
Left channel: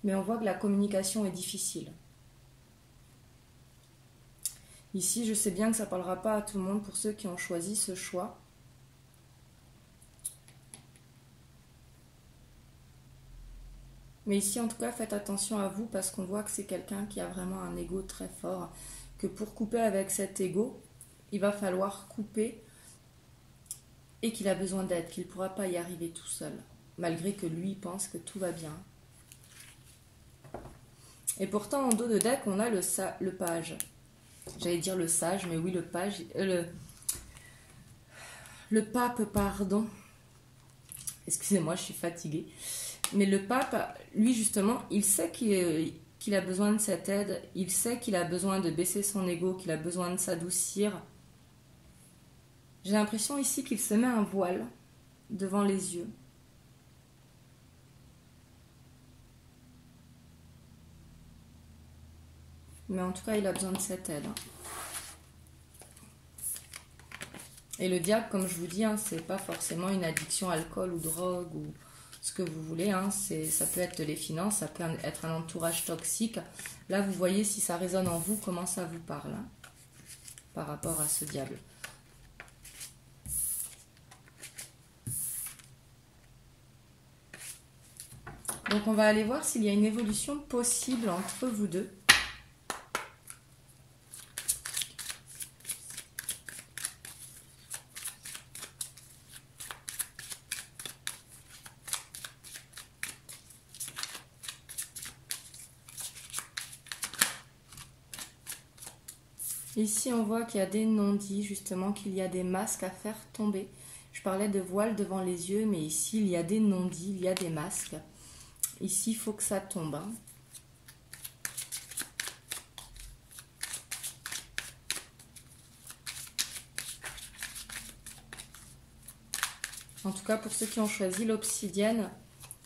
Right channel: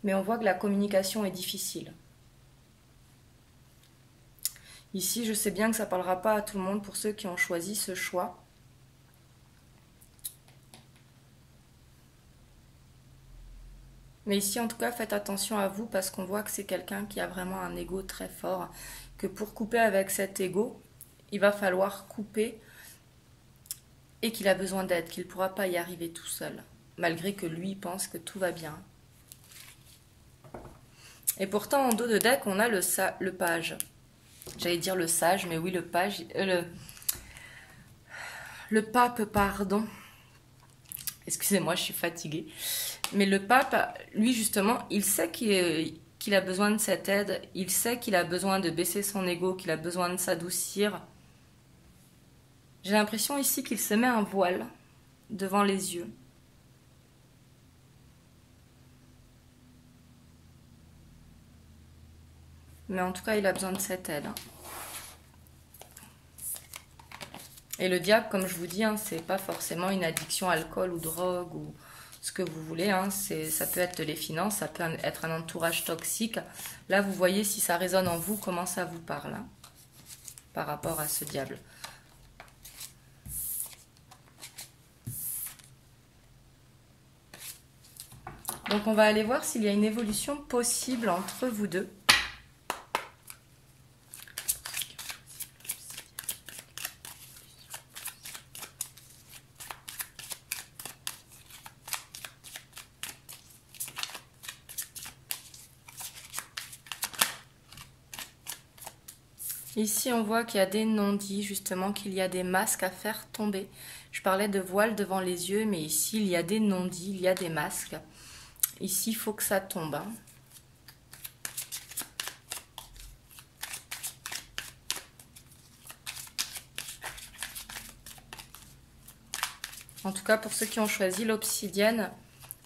Mais on voit que la communication est difficile. Ici, je sais bien que ça ne parlera pas à tout le monde pour ceux qui ont choisi ce choix. Mais ici, en tout cas, faites attention à vous parce qu'on voit que c'est quelqu'un qui a vraiment un ego très fort. Que pour couper avec cet ego, il va falloir couper et qu'il a besoin d'aide, qu'il ne pourra pas y arriver tout seul. Malgré que lui pense que tout va bien. Et pourtant, en dos de deck, on a le page. J'allais dire le sage, mais oui, le page. Le pape, pardon. Excusez-moi, je suis fatiguée. Mais le pape, lui, justement, il sait qu'il a besoin de cette aide. Il sait qu'il a besoin de baisser son ego, qu'il a besoin de s'adoucir. J'ai l'impression ici qu'il se met un voile devant les yeux. Mais en tout cas, il a besoin de cette aide. Et le diable, comme je vous dis, hein, c'est pas forcément une addiction à alcool ou drogue ou ce que vous voulez. Hein, ça peut être les finances, ça peut être un entourage toxique. Là, vous voyez si ça résonne en vous, comment ça vous parle hein, par rapport à ce diable. Donc, on va aller voir s'il y a une évolution possible entre vous deux. Ici, on voit qu'il y a des non-dits, justement, qu'il y a des masques à faire tomber. Je parlais de voile devant les yeux, mais ici, il y a des non-dits, il y a des masques. Ici, il faut que ça tombe. Hein. En tout cas, pour ceux qui ont choisi l'obsidienne,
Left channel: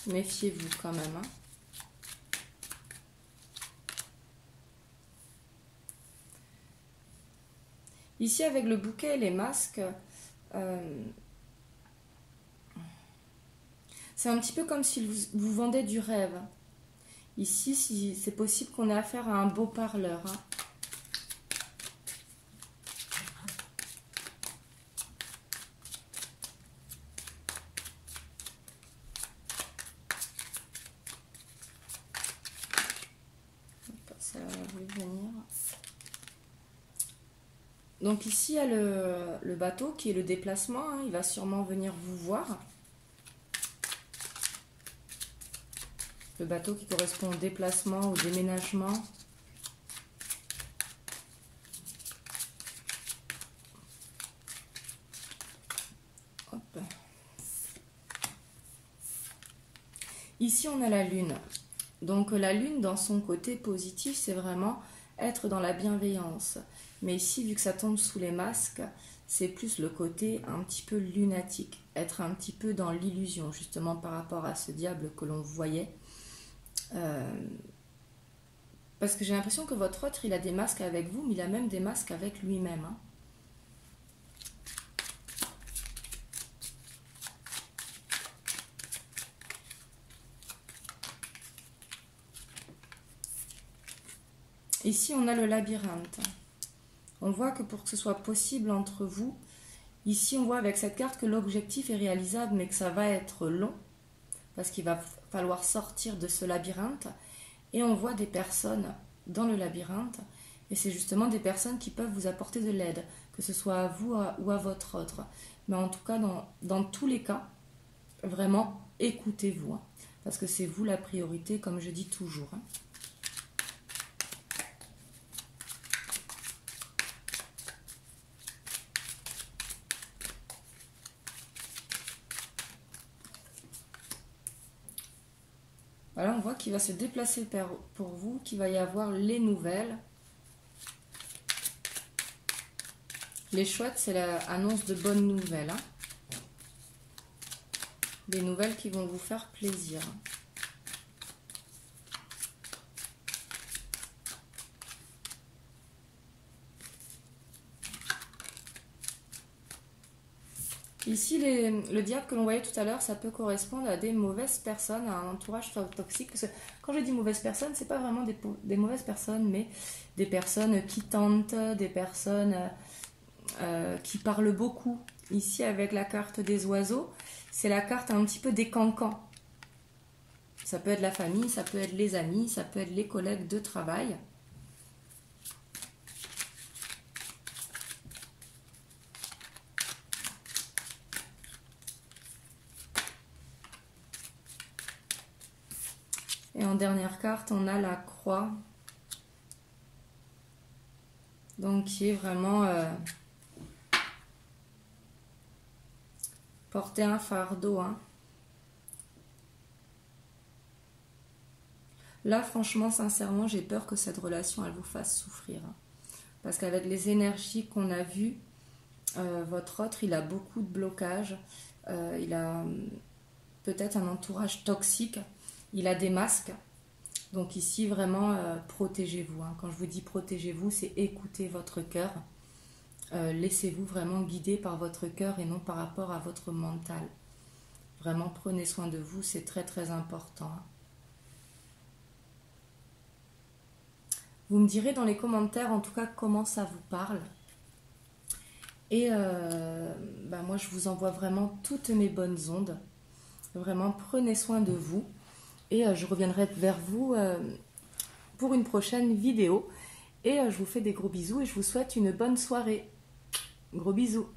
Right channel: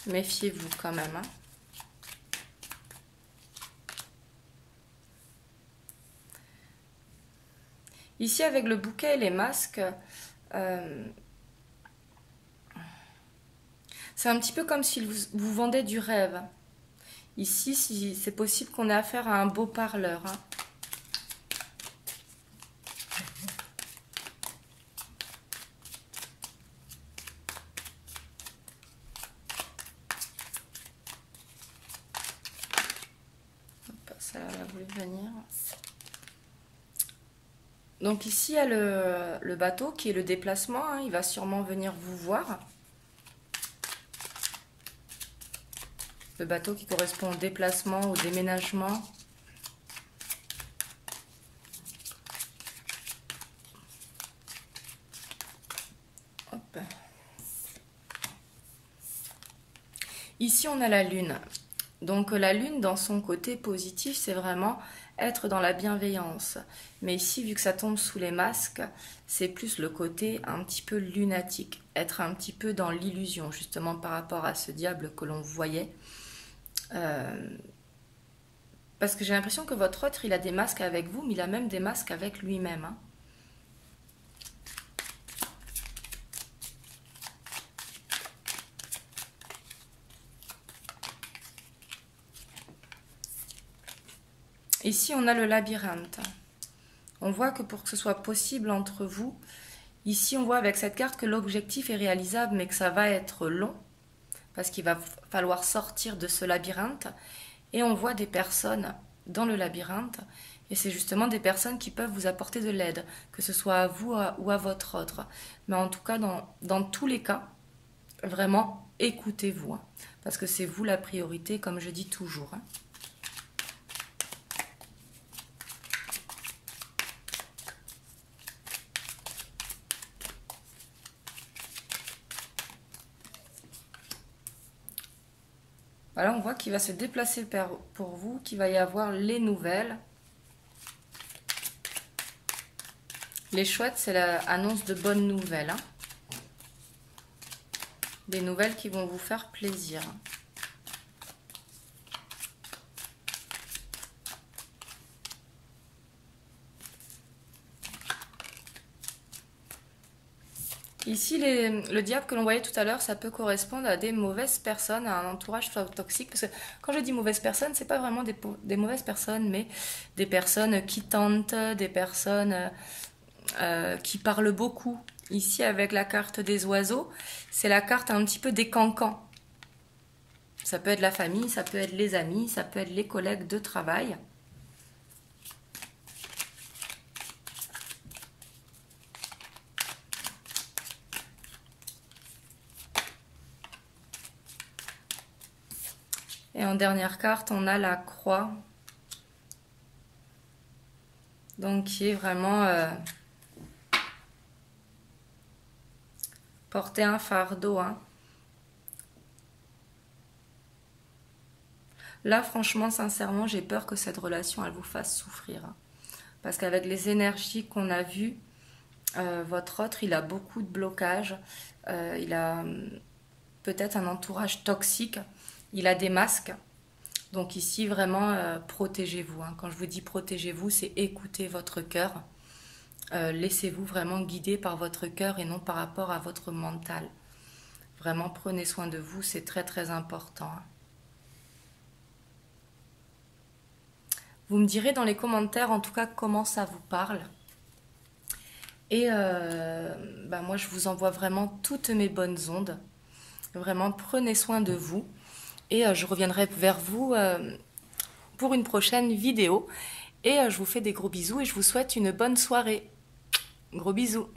méfiez-vous quand même. Hein. Ici, avec le bouquet et les masques, c'est un petit peu comme si vous vendez du rêve. Ici, si c'est possible qu'on ait affaire à un beau parleur. Hein. Ça a voulu venir. Donc ici, il y a le bateau qui est le déplacement. Hein. Il va sûrement venir vous voir. Le bateau qui correspond au déplacement, au déménagement. Hop. Ici, on a la lune. Donc la lune, dans son côté positif, c'est vraiment être dans la bienveillance. Mais ici, vu que ça tombe sous les masques, c'est plus le côté un petit peu lunatique. Être un petit peu dans l'illusion, justement par rapport à ce diable que l'on voyait. Parce que j'ai l'impression que votre autre, il a des masques avec vous, mais il a même des masques avec lui-même. Hein. Ici, on a le labyrinthe. On voit que pour que ce soit possible entre vous, ici, on voit avec cette carte que l'objectif est réalisable, mais que ça va être long, parce qu'il va falloir sortir de ce labyrinthe. Et on voit des personnes dans le labyrinthe, et c'est justement des personnes qui peuvent vous apporter de l'aide, que ce soit à vous ou à votre autre. Mais en tout cas, dans tous les cas, vraiment, écoutez-vous, hein, parce que c'est vous la priorité, comme je dis toujours. Hein. Voilà, on voit qu'il va se déplacer pour vous, qu'il va y avoir les nouvelles. Les chouettes, c'est l'annonce de bonnes nouvelles. Hein. Des nouvelles qui vont vous faire plaisir. Ici, le diable que l'on voyait tout à l'heure, ça peut correspondre à des mauvaises personnes, à un entourage toxique. Parce que quand je dis mauvaises personnes, c'est pas vraiment des mauvaises personnes, mais des personnes qui tentent, des personnes qui parlent beaucoup. Ici, avec la carte des oiseaux, c'est la carte un petit peu des cancans. Ça peut être la famille, ça peut être les amis, ça peut être les collègues de travail. Et en dernière carte, on a la croix. Donc, qui est vraiment porter un fardeau. Hein. Là, franchement, sincèrement, j'ai peur que cette relation, elle vous fasse souffrir. Hein. Parce qu'avec les énergies qu'on a vues, votre autre, il a beaucoup de blocages. Il a peut-être un entourage toxique. Il a des masques. Donc ici, vraiment, protégez-vous. Hein. Quand je vous dis protégez-vous, c'est écouter votre cœur. Laissez-vous vraiment guider par votre cœur et non par rapport à votre mental. Vraiment, prenez soin de vous, c'est très très important. Hein. Vous me direz dans les commentaires, en tout cas, comment ça vous parle. Et moi, je vous envoie vraiment toutes mes bonnes ondes. Vraiment, prenez soin de vous. Et je reviendrai vers vous pour une prochaine vidéo. Et je vous fais des gros bisous et je vous souhaite une bonne soirée. Gros bisous.